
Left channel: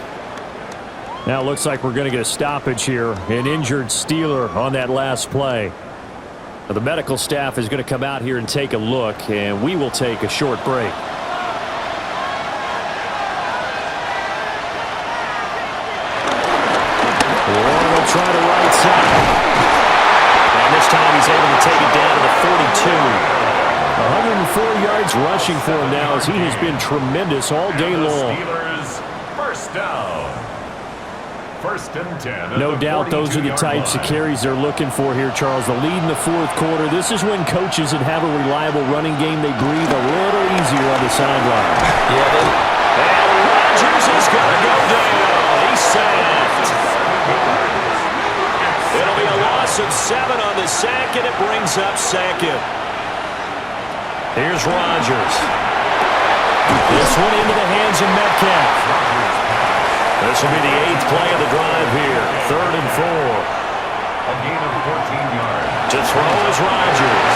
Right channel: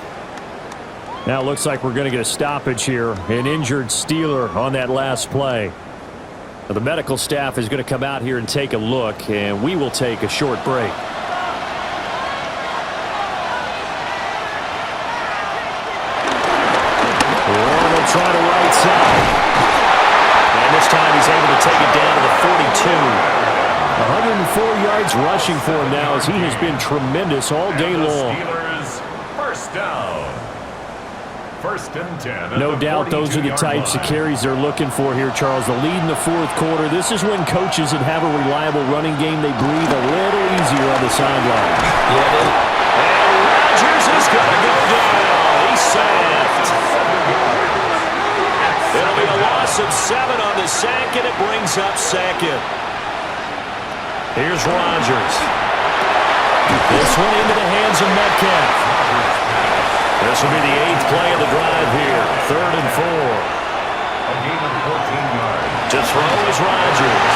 Now it looks like we're going to get a stoppage here. An injured Steeler on that last play. The medical staff is going to come out here and take a look, and we will take a short break. Warren will try to right side. And this time he's able to take it down to the 42. 104 yards rushing for him now as he has been tremendous all day long. Steelers, first down. First and 10. No doubt those are the types of carries they're looking for here, Charles. The lead in the fourth quarter. This is when coaches that have a reliable running game, they breathe a little easier on the sideline. And Rodgers is going to go down. He's sacked. It'll be a loss of 7 on the sack, and it brings up second. Here's Rodgers. This one into the hands of Metcalf. This will be the 8th play of the drive here. 3rd and 4. A gain of 14 yards. To throw is Rodgers.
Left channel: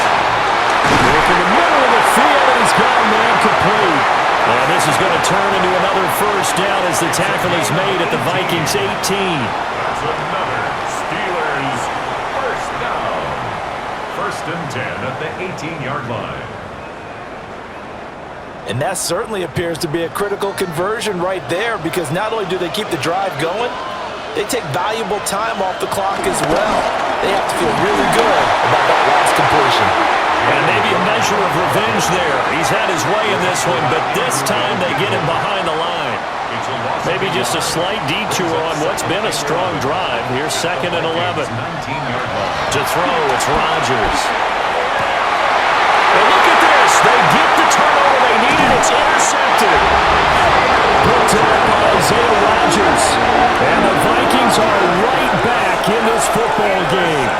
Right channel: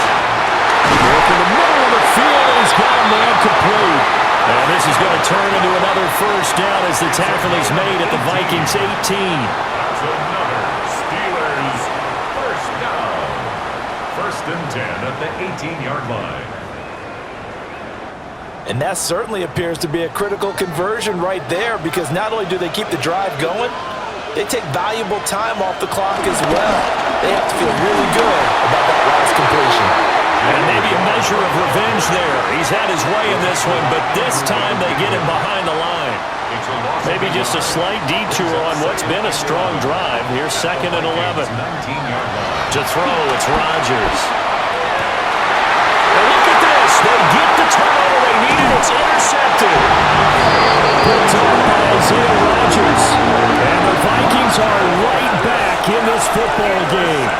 Break in the middle of the field, and he's got a man complete. And this is going to turn into another first down as the tackle is made at the Vikings 18. That's another Steelers first down. First and 10 at the 18-yard line. And that certainly appears to be a critical conversion right there, because not only do they keep the drive going, they take valuable time off the clock as well. They have to feel really good about that last completion. And maybe a measure of revenge there. He's had his way in this one, but this time they get him behind the line. Maybe just a slight detour on what's been a strong drive. Here's 2nd and 11. 19-yard line. To throw, it's Rodgers. And look at this. They get the turnover they needed. It's intercepted. Picked up by Isaiah Rodgers. And the Vikings are right back in this football game.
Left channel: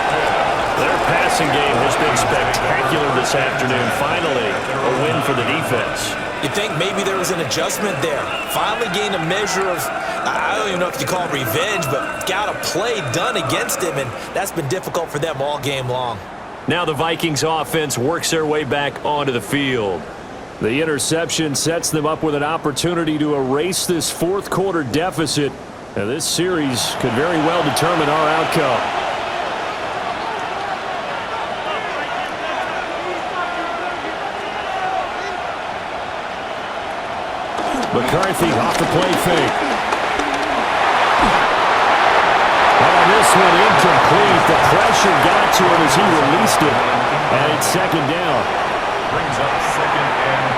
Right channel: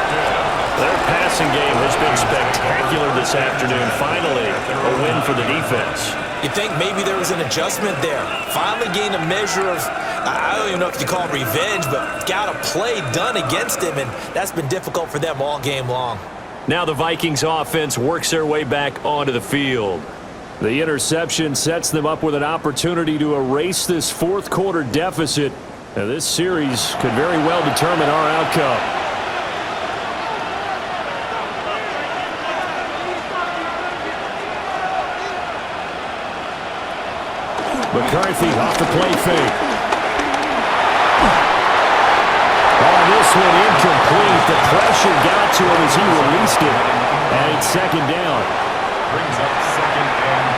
Their passing game has been spectacular this afternoon. Finally, a win for the defense. You think maybe there was an adjustment there. Finally gained a measure of, I don't even know if you call it revenge, but got a play done against him, and that's been difficult for them all game long. Now the Vikings offense works their way back onto the field. The interception sets them up with an opportunity to erase this fourth quarter deficit. Now this series could very well determine our outcome. McCarthy off the play fake. This one incomplete. The pressure got to him as he released it. And it's 2nd down. Brings up 2nd and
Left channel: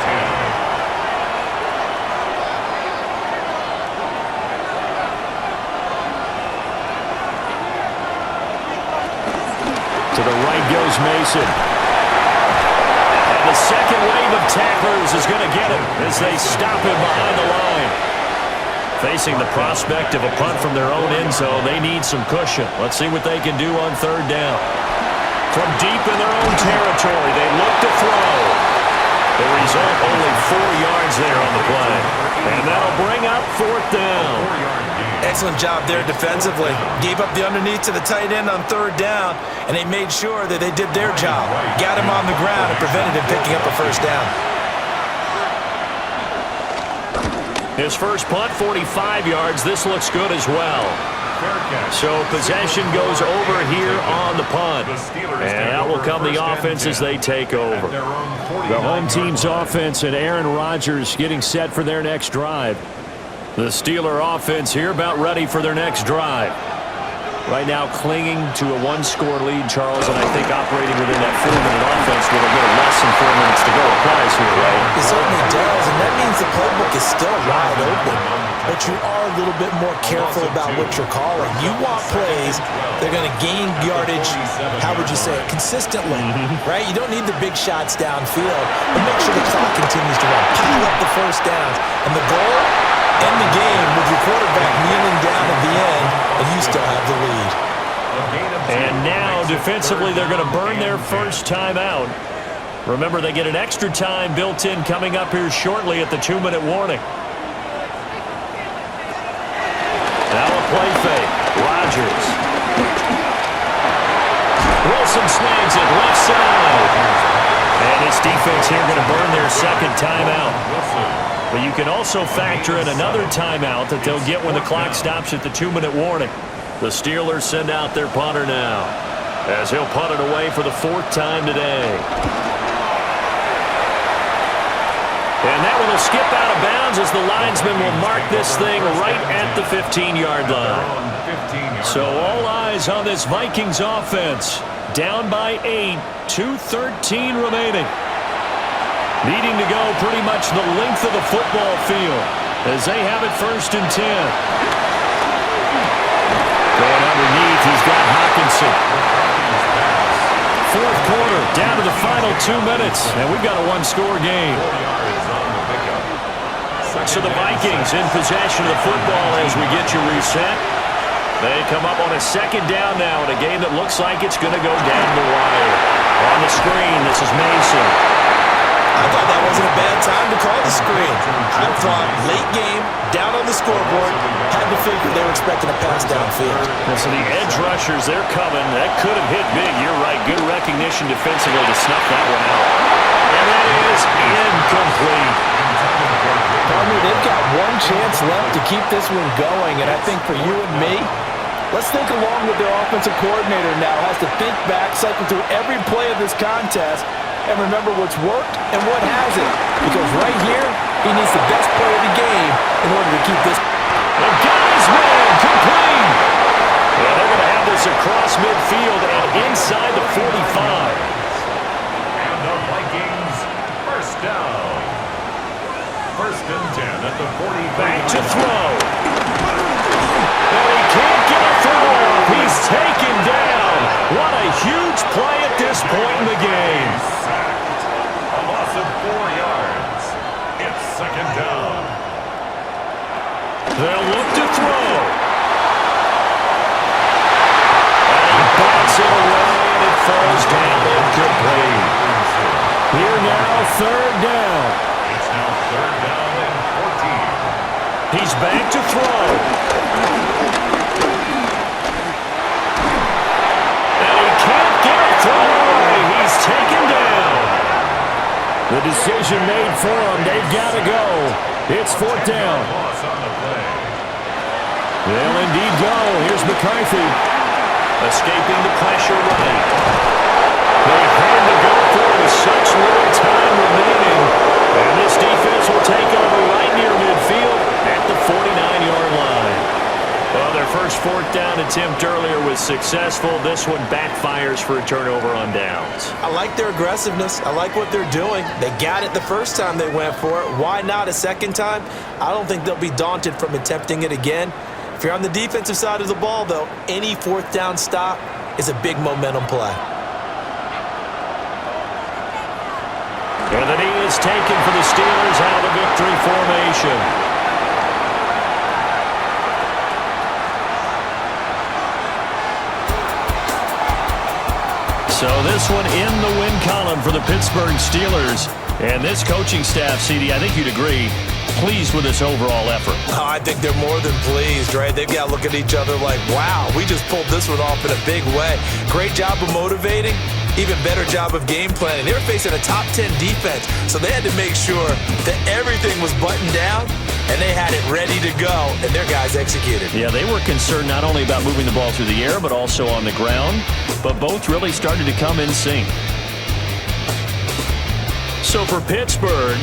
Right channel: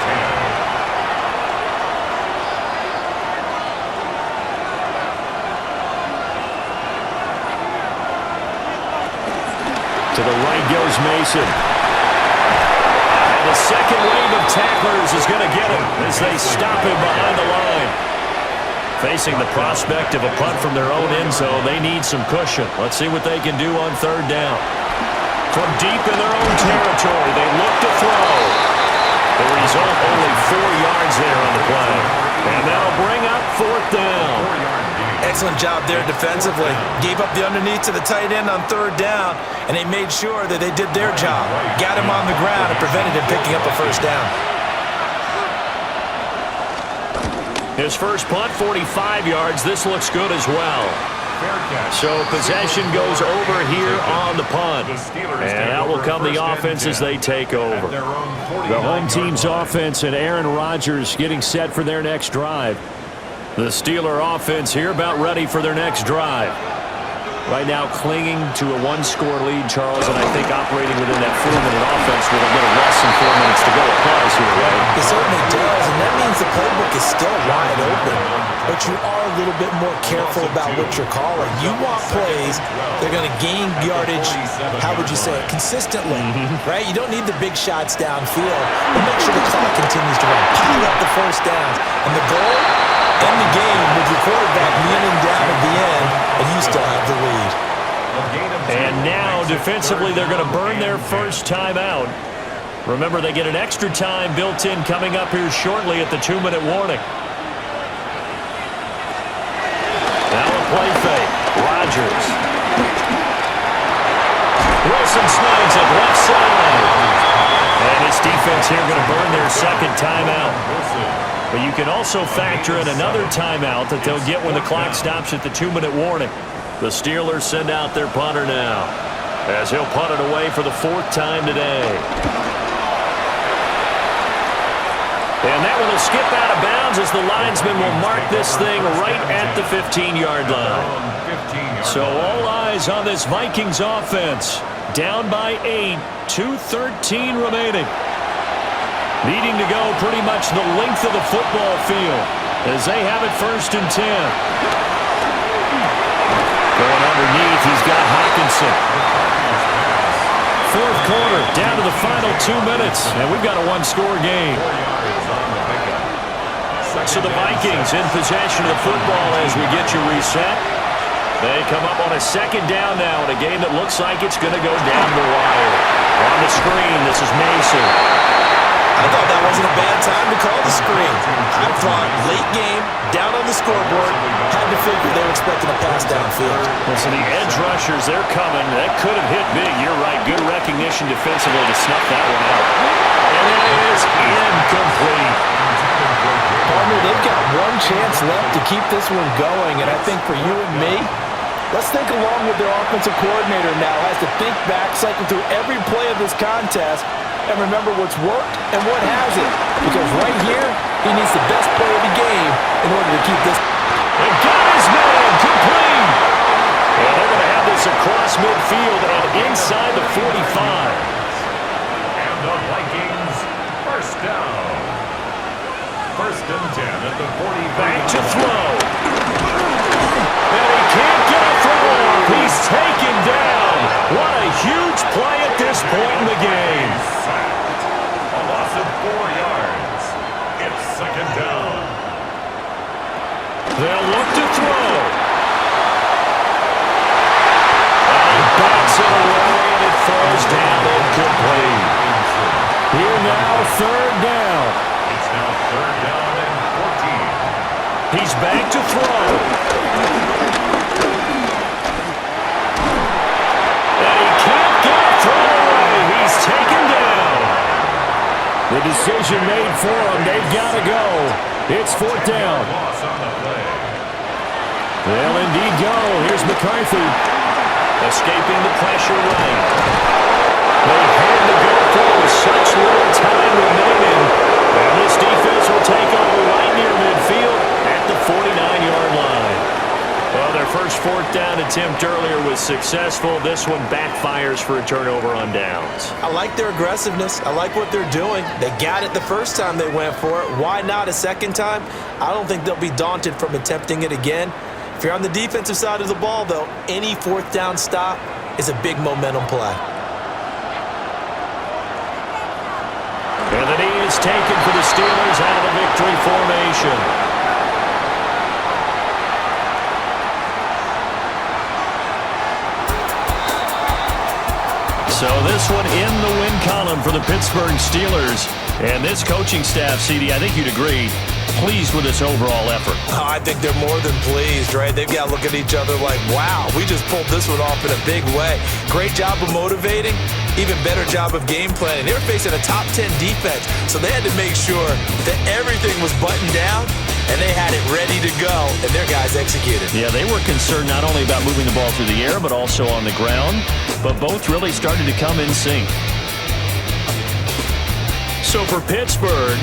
10. To the right goes Mason. And the second wave of tacklers is going to get him as they stop him behind the line. Facing the prospect of a punt from their own end zone, they need some cushion. Let's see what they can do on 3rd down. From deep in their own territory, they look to throw. The result, only 4 yards there on the play. And that'll bring up 4th down. Excellent job there defensively. Gave up the underneath to the tight end on 3rd down, and they made sure that they did their job. Got him on the ground and prevented him picking up a first down. His first punt, 45 yards. This looks good as well. So possession goes over here on the punt. And out will come the offense as they take over. The home team's offense and Aaron Rodgers getting set for their next drive. The Steeler offense here about ready for their next drive. Right now clinging to a 1-score lead, Charles, and I think operating within that 4-minute offense with a little less than 4 minutes to go applies here, right? It certainly does, and that means the playbook is still wide open. But you are a little bit more careful about what you're calling. You want plays that are going to gain yardage, how would you say it, consistently, right? You don't need the big shots downfield, but make sure the clock continues to run. Pile up the first downs. And the goal? End the game with your quarterback kneeling down at the end, and you still have the lead. And now, defensively, they're going to burn their first timeout. Remember, they get an extra time built in coming up here shortly at the 2-minute warning. Now a play fake. Rodgers. Wilson snags it left side. And this defense here going to burn their second timeout. But you can also factor in another timeout that they'll get when the clock stops at the 2-minute warning. The Steelers send out their punter now. as he'll punt it away for the 4th time today. And that one will skip out of bounds as the linesman will mark this thing right at the 15-yard line. So all eyes on this Vikings offense. Down by 8, 2:13 remaining. Needing to go pretty much the length of the football field as they have it 1st and 10. Going underneath, he's got Hawkinson. 4th quarter, down to the final 2 minutes, and we've got a 1-score game. So the Vikings in possession of the football as we get you reset. They come up on a 2nd down now in a game that looks like it's going to go down the wire. On the screen, this is Mason. I thought that wasn't a bad time to call the screen. I thought late game, down on the scoreboard, had to figure they were expecting a pass downfield. So the edge rushers, they're coming. That could have hit big. You're right. Good recognition defensively to snuff that one out. And that is incomplete. Partner, they've got one chance left to keep this one going, and I think for you and me, let's think along with their offensive coordinator now. Has to think back, cycle through every play of this contest, and remember what's worked and what hasn't. Because right here, he needs the best play of the game in order to keep this. And got his man complete. And they're going to have this across midfield and inside the 45. And the Vikings, 1st down. 1st and 10 at the 45. Back to throw. And he can't get a throw off. He's taken down. What a huge play at this point in the game. Sacked. A loss of 4 yards. It's 2nd down. They'll look to throw. And he bats it away, and it falls down incomplete. Here now, 3rd down. It's now 3rd down and 14. He's back to throw. And he can't get a throw away. He's taken down. The decision made for him. They've got to go. It's 4th down. Loss on the play. They'll indeed go. Here's McCarthy. Escaping the pressure right. They had to go for it with such little time remaining. And this defense will take over right near midfield at the 49-yard line. Well, their first 4th down attempt earlier was successful. This one backfires for a turnover on downs. I like their aggressiveness. I like what they're doing. They got it the first time they went for it. Why not a 2nd time? I don't think they'll be daunted from attempting it again. If you're on the defensive side of the ball, though, any 4th down stop is a big momentum play. And the knee is taken for the Steelers out of the victory formation. So this one in the win column for the Pittsburgh Steelers. And this coaching staff, CD, I think you'd agree, pleased with this overall effort. Oh, I think they're more than pleased, right? They've got to look at each other like, wow, we just pulled this one off in a big way. Great job of motivating. Even better job of game planning. They were facing a top 10 defense, so they had to make sure that everything was buttoned down, and they had it ready to go, and their guys executed. Yeah, they were concerned not only about moving the ball through the air, but also on the ground, but both really started to come in sync. So for Pittsburgh,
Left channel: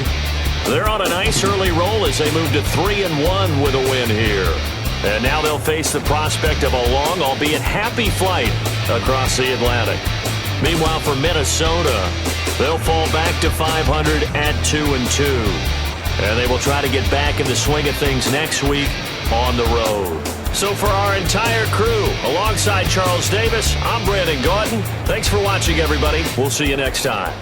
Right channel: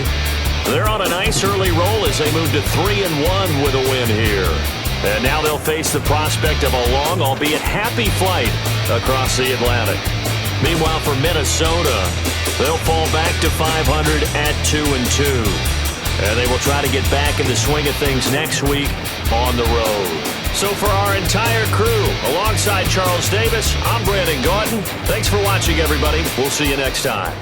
they're on a nice early roll as they move to 3-1 with a win here. And now they'll face the prospect of a long, albeit happy flight across the Atlantic. Meanwhile, for Minnesota, they'll fall back to 500 at 2-2. And they will try to get back in the swing of things next week on the road. So for our entire crew, alongside Charles Davis, I'm Brandon Gautin. Thanks for watching, everybody. We'll see you next time.